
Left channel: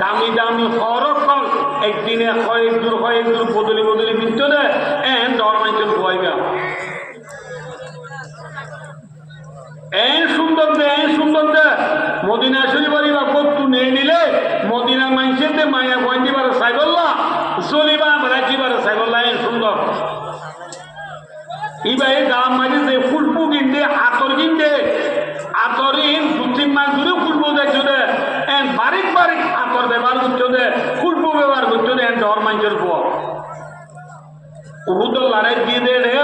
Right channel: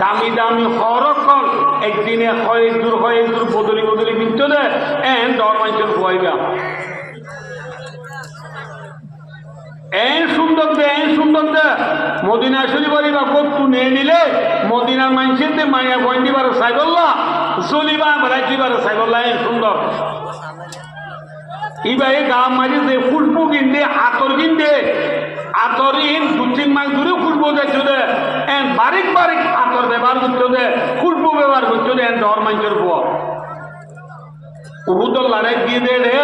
দামি দামি হরকল একদিনে কয়েক দূর বদলি বদলি বিনতে দে এন দরমাইজের বইবা এন সুন্দর দে মদিনা শরীফের বা কত্তু নিয়ে নিলে মদিনার মানুষের মায়া বন্দিবার সাইবল্লা চলিবা বেড়াইবার সাইবল্লা এন সুন্দর ইবাই গাম মাঝে যে ফুলপু কিনতে আতর কিনতে আতরিন 2-3 মাস ধরে ফুলপু দেখছো দে এন বারিক আতর ব্যবহার করছো দে ফুলপু ব্যবহার করছো দে এন ডর মানুষের পর উহুদর লড়াই দিয়ে দে রে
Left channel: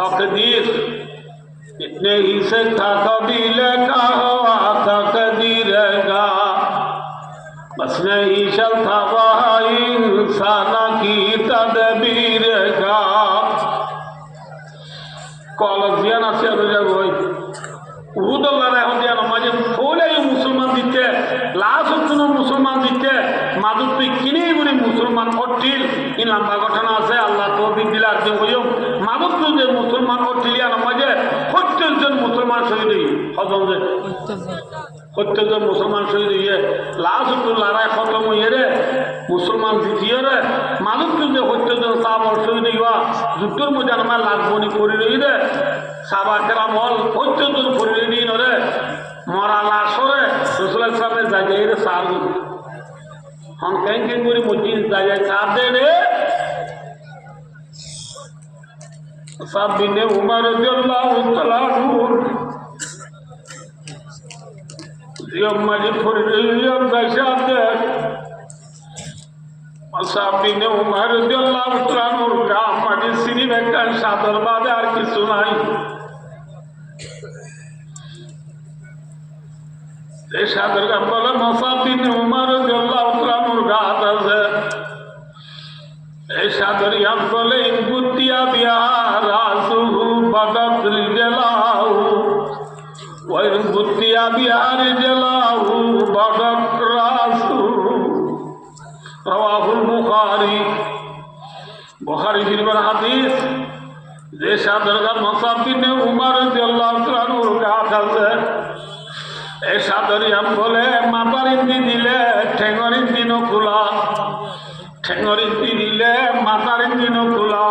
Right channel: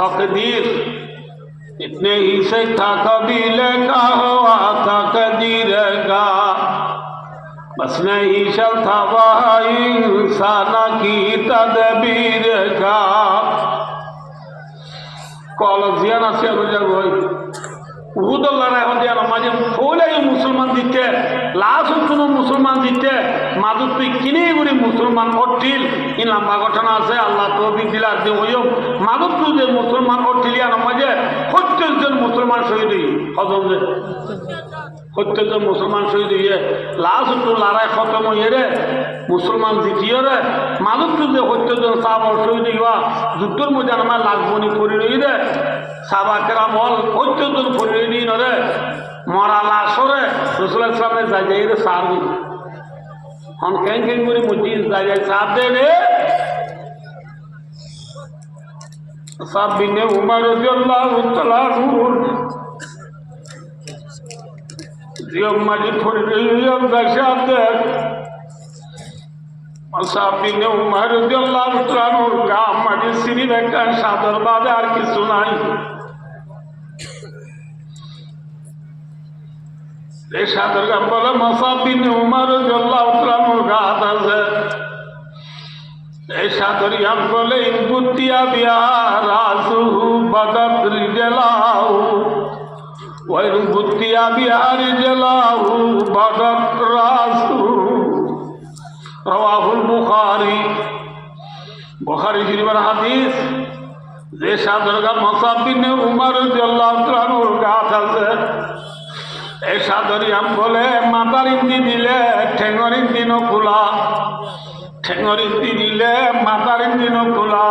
तकदीर इतने ही से था कबील का हुआ तकदीर का बस नहीं चलता वह इंसान की तदबीर का कॉलेजियन আছে রোজা গই উহুদুল্লাহ এখন যে মাঝে ফলে মুসলমান দিতে লাশ কোনো মুসলমান দিতে মাদুর তুই কিনে করে মুসলমান অট্টিল ই লম্বা ঘটনা আছে আল্লাহ তো দিলা যে ওইম মাদুর তুই যে মুসলমান অট্টিলিয়ান মাঝে 70 জন মুসলমান শহীদ হজম যে 70 জন মুসলমান শহীদ হইয়ে লাস্ট তো লড়াই খতম হইয়ে রে মুসলমান জিতিয়ে রে মাদুর তুই যে 70 জন সাহাবা শহীদ হইবা যুদ্ধের মধ্যে আমার লাগবনি করি রই রে সাহাবা কেরাম হল 70 জন করি রই রে মরা লাশরে রসুলের সামনে যাই রে সার হন কেন কেন করে মসজিদ যাই সার দে রে সাব বিনে উমর রাদিয়াল্লাহু তাআলা জিয়ম মাজি ফরিলিয়াম দাশাত দে সাব বিনে উমর রাদিয়াল্লাহু তাআলা গাম মাজি সিনি বেকান সাদর বাদে আর কিছু নাই এই সাদর গাম বলে মুসাব বিনে উমর রাদিয়াল্লাহু তাআলা গাত আছে এই সাদর ইয়াম বলে ইনকুতিয়া বিয়া রাসুহু বাদাত রিজালাহু ওয়া ইনকুতিয়া বিয়া রিজালাহু বাদাত রাসুহু রাওয়াহুল বুখারী বুখারী শরীফের হাদিস যে সাদর গাম মুসাব বিনে উমর রাদিয়াল্লাহু তাআলা গাত আছে এই সাদর ইয়াম বলে মাতার ইন্দি দিলে ঠেঙ্গর ইন্দি ন খোলা ঠেঙ্গর ইন্দি দিলে মাতার ইন্দি ন খোলা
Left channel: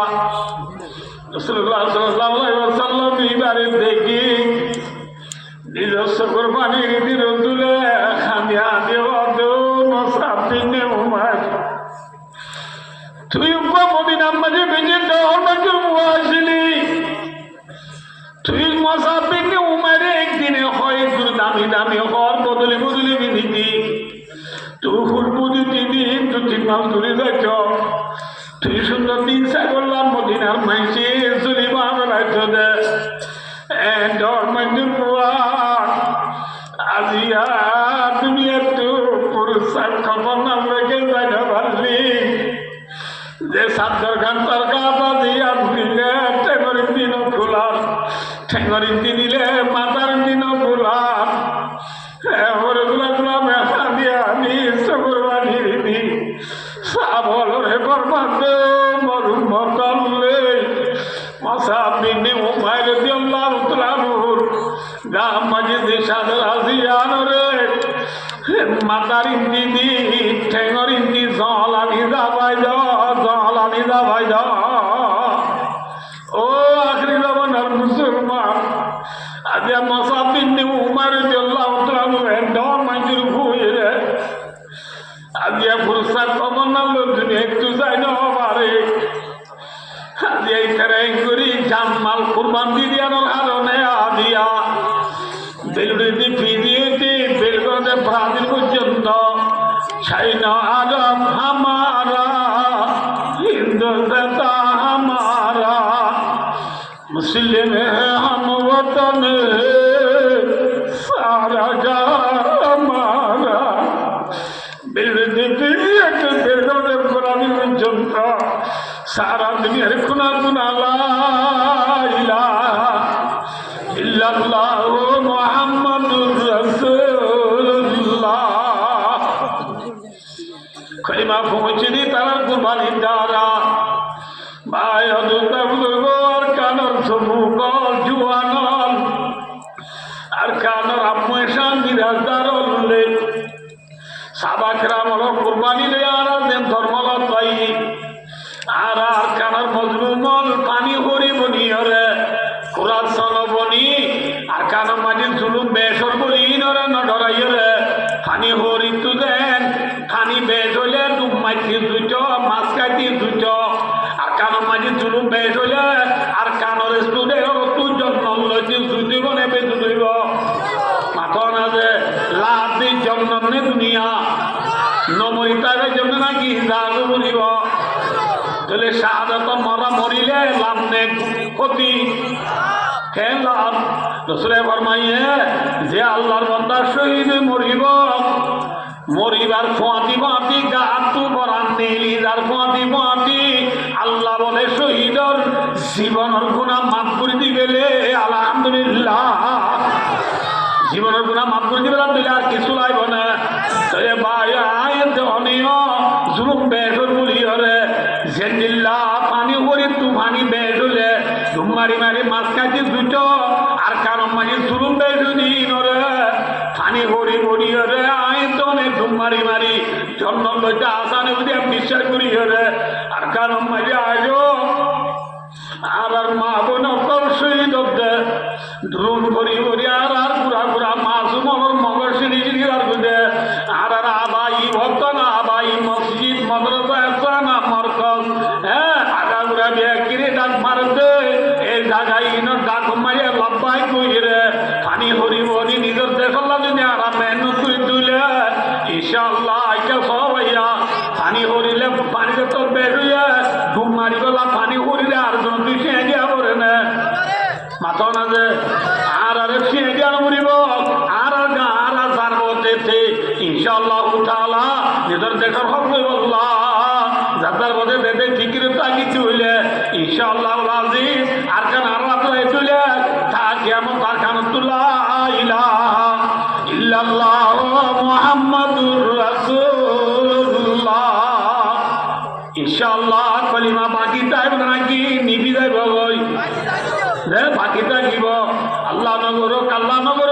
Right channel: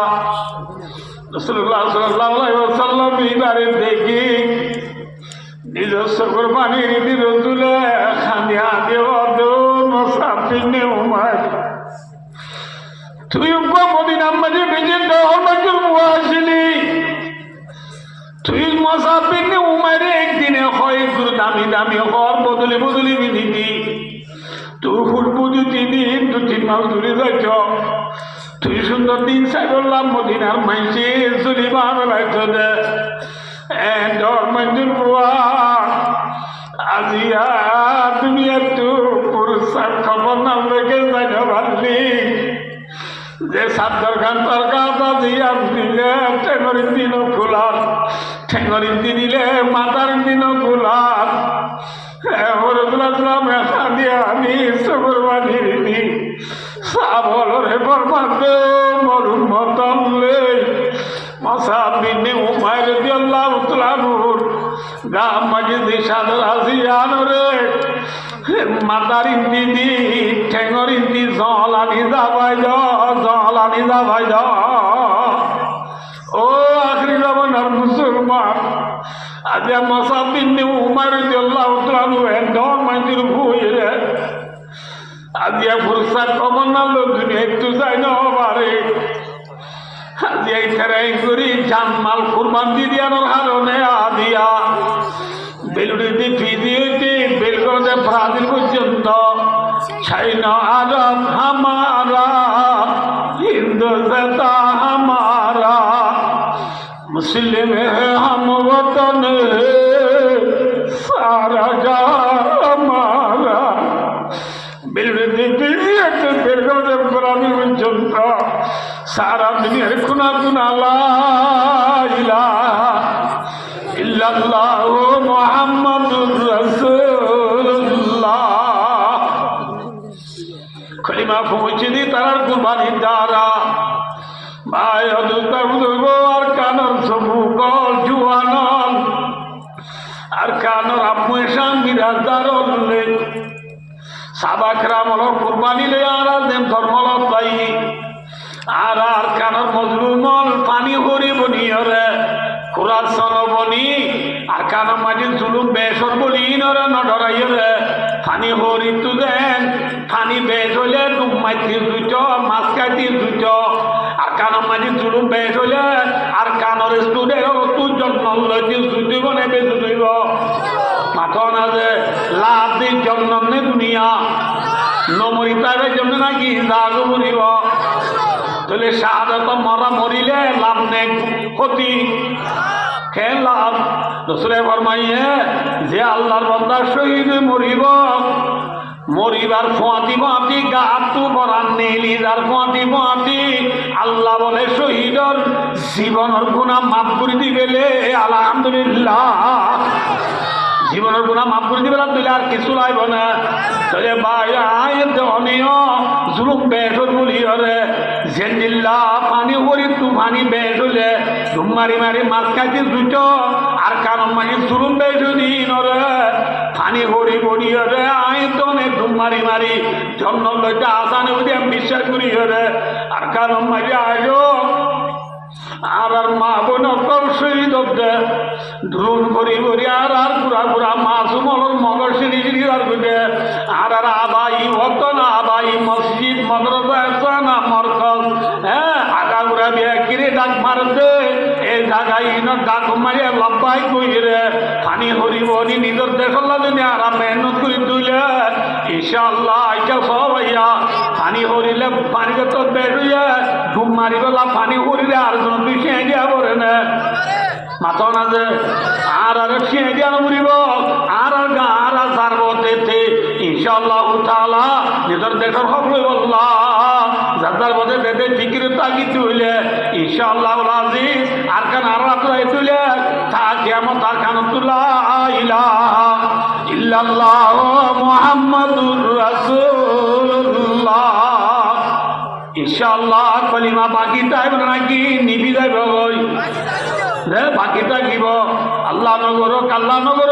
রাসূলুল্লাহ সাল্লাল্লাহু আলাইহি ওয়াসাল্লাম এইবারে দেখি নিজস্ব কুরবানির ইন্দি রসুলে খানিয়া দেও দো মুসাব বিনে উমর তুই মদিনার মাঝে বেজে দেওয়া মজুর মুয়াসিলি তুই মুসাব বিনে উমরে একদিনে হয় গুরু দামি দামি হর বদলে বদলে বিধিতি তুই ফুটবু 2-3 দিন 2-3 মাস দূরে যাচ্ছ তুই সুন্দর দিন সাইডল্লাম মদিনার মাইসে সুলিমান রাখছো দে ডর মঞ্জুর বুয়া আজিয়া তুমি একটু পুরুষার খবর নাম রেখে যাই না ভাবলি যে সাদ্দার খান তার কাপা দিয়া দিলে ঠেঙ্গর দিন খোলার ঠেঙ্গর দিলে মাতার দিন খোলার আমি সুকুরবানি দিদি সাবলরে বরবাদ মরুম মতলে মুসাব বিনে উমাইর রাদিয়াল্লাহু তাআলা গাম মসজিদ সাদর আসিয়ান রে মাতার দিদি ঠেঙ্গর দি জলানি যাবাই জলানি যাবাই ও আখরি জমানার মুসলমান আজ মুসাব বিনে উমাইর রাদিয়াল্লাহু তাআলা এন্ডর মঞ্জুর ভুইরে আজ ফুরসাত কমনাল দুনিয়া একটু যাই না বারে আজ এই তেরাই করি জানমাল কুরবান দিয়ানোর হারনে আদিয়া বেলুড়ি দি ফিদিয়েতে বেলগড়ে ব্রাজিল পর্যন্ত চাইনা আজম হামারা হিন্দু জাতা হামারা मुस्लिम है हम वतन सारा जहां हमारा बिल्ड बिलियट बिल्ड पुरानी जनता सारा दुनिया खुना खुना ला इलाहा इल्लल्लाह मुहम्मदुर रसूलुल्लाह कलिमा पहुंची दी तार कुर्बानी दारा ভাই অদুর্গ আর কানর সমুকল জুয়ানল আর কানর আম্মু শান্তিরাজদার হলে সাবাকরাম হল কুরবানি লে আর ধর্মল তাই আর আর কানর মজলুমল পানি হরি বনি হলে কুরাত সনবনি আর কানর মাঝে জুলুম বেসর বলি নরে নডরাই হলে পানি হরি তু দেন পানি বেস হলে ডুব মাইতি দুইট মাছ খাইতি দুইট আর কানর মাঝে জুলুম বেস হলে আর কানর স্টুডেন্ট তুই জন্ম জুদিব নেবে জুদিব মাথা না যে লাভ দিন জন্ম নে দুনিয়া নমরি তাদের জন্য নাকি দাগ মরিব তাহলে শাহাদাত মরা মরিলে লাভ নে ক্ষতি কেন লাভ রসুলে ফরমাইয়ে যে আল্লাহর বান্দা শহীদ মরিব মরিবার ফোঁয়াতি ফোঁয়াতি গাতু বরান নেলি যার ফোঁয়াতি ফোঁয়াতি আল্লাহ বলে শহীদর জীবনের গুনাহ মাফ করে দিবেলে আলহামদুলিল্লাহ জীবনের গুণা মাফ করে দিবে দিলে আর কিছু লাগবে না তাহলে ভাই আয়ের দেহনীয় জুলুম বেসর বলি হলে জেন্দিল্লা পানি করি তুফানি বেস হলে ধুম মারি মারি মাছ খাইতে দুট আর কারণ মানে জুলুম বেসুনি নরে পানি করি বলি হলে আয়ের তো অনেক ধুম মারি মারি জন্ম লইতে আসানি বলি আমি বিশ্বাস করি হলে আর কারণ মানে আয়ো আর মা বোন শহীদ দ্রুণ করি করি আর পুরা পুরা মাছ মনের মগর সিঁড়ি সিঁড়ি আর গুজে আর আবাই ভক্ত না আবাই মসজিদ মদরসা না মরকজ হ্যাঁ আগা গুড়া বিয়ে কিরে ডাক মার দে এই জায়গায় ডাক মারিয়া লব্বাই কই রে পানি হরিব নিজের দেখলা যদি আর মেহনত করে তুইলে ইনশাআল্লাহ আইটা সব আইয়া পানি হরিলে পানিতে তো বেরুইয়া ডুব মারি গলা পানি হরিলে আর জন তুই সে দিয়া পড়ে না মাথা না যে আর সে দিয়া মরিব আর সারব তেতে ইনশাআল্লাহ তাআলা নিজের দেখার হক বল্লাহ যাদের মধ্যে বেদে ফিকির তাগিদ হইলে ইনশাআল্লাহ আজিজ আর কান আর রাত্রে তুইলে তা কিয়ামত আর কানতুল্লাহ ইলাহা ইল্লাল্লাহ মুহাম্মাদুর রাসূলুল্লাহ ইনশাআল্লাহ কলিমা বাকি যাইবে নাকি নিভি যাইবে গই রে বাকি থাকিব আল্লাহ নগর কাল্লা নগর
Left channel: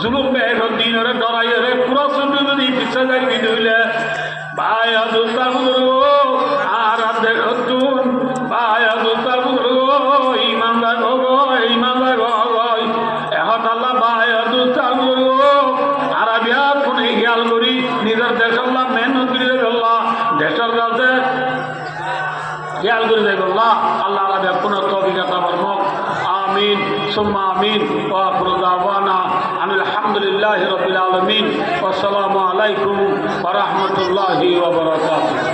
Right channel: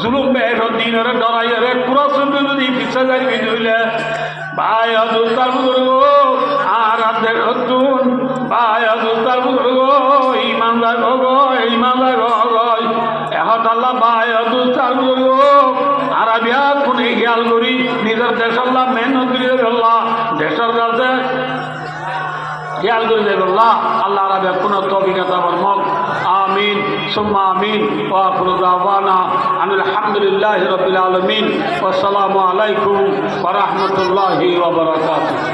জুলুম বের দিনের ডরাইরে পুরো শুনতে যদি পিছে যাই হইলে ভাই আদুস্তার বুজুর্গ আর দেখুন ভাই আদুস্তার বুজুর্গ ইমানদার গো ইমানদার গো এখন আল্লাহ ভাই আদুস্তার বুজুর্গ আর বিয়া কোনে খেয়াল করি নিজের দেশের লাভ মেহনত করে আল্লাহ দেশের কাছে খেয়াল করে দেব আল্লাহ রাবে পুনঃ তৌফিকতা বরমক আমিন সুম্মা আমিন ওয়া আখিরু দাওয়ানা আনিল হামদুলিল্লাহি রাব্বিল আলামিন ওয়া আসসালামু আলাইকুম ওয়া রাহমাতুল্লাহি ওয়া বারাকাতুহু।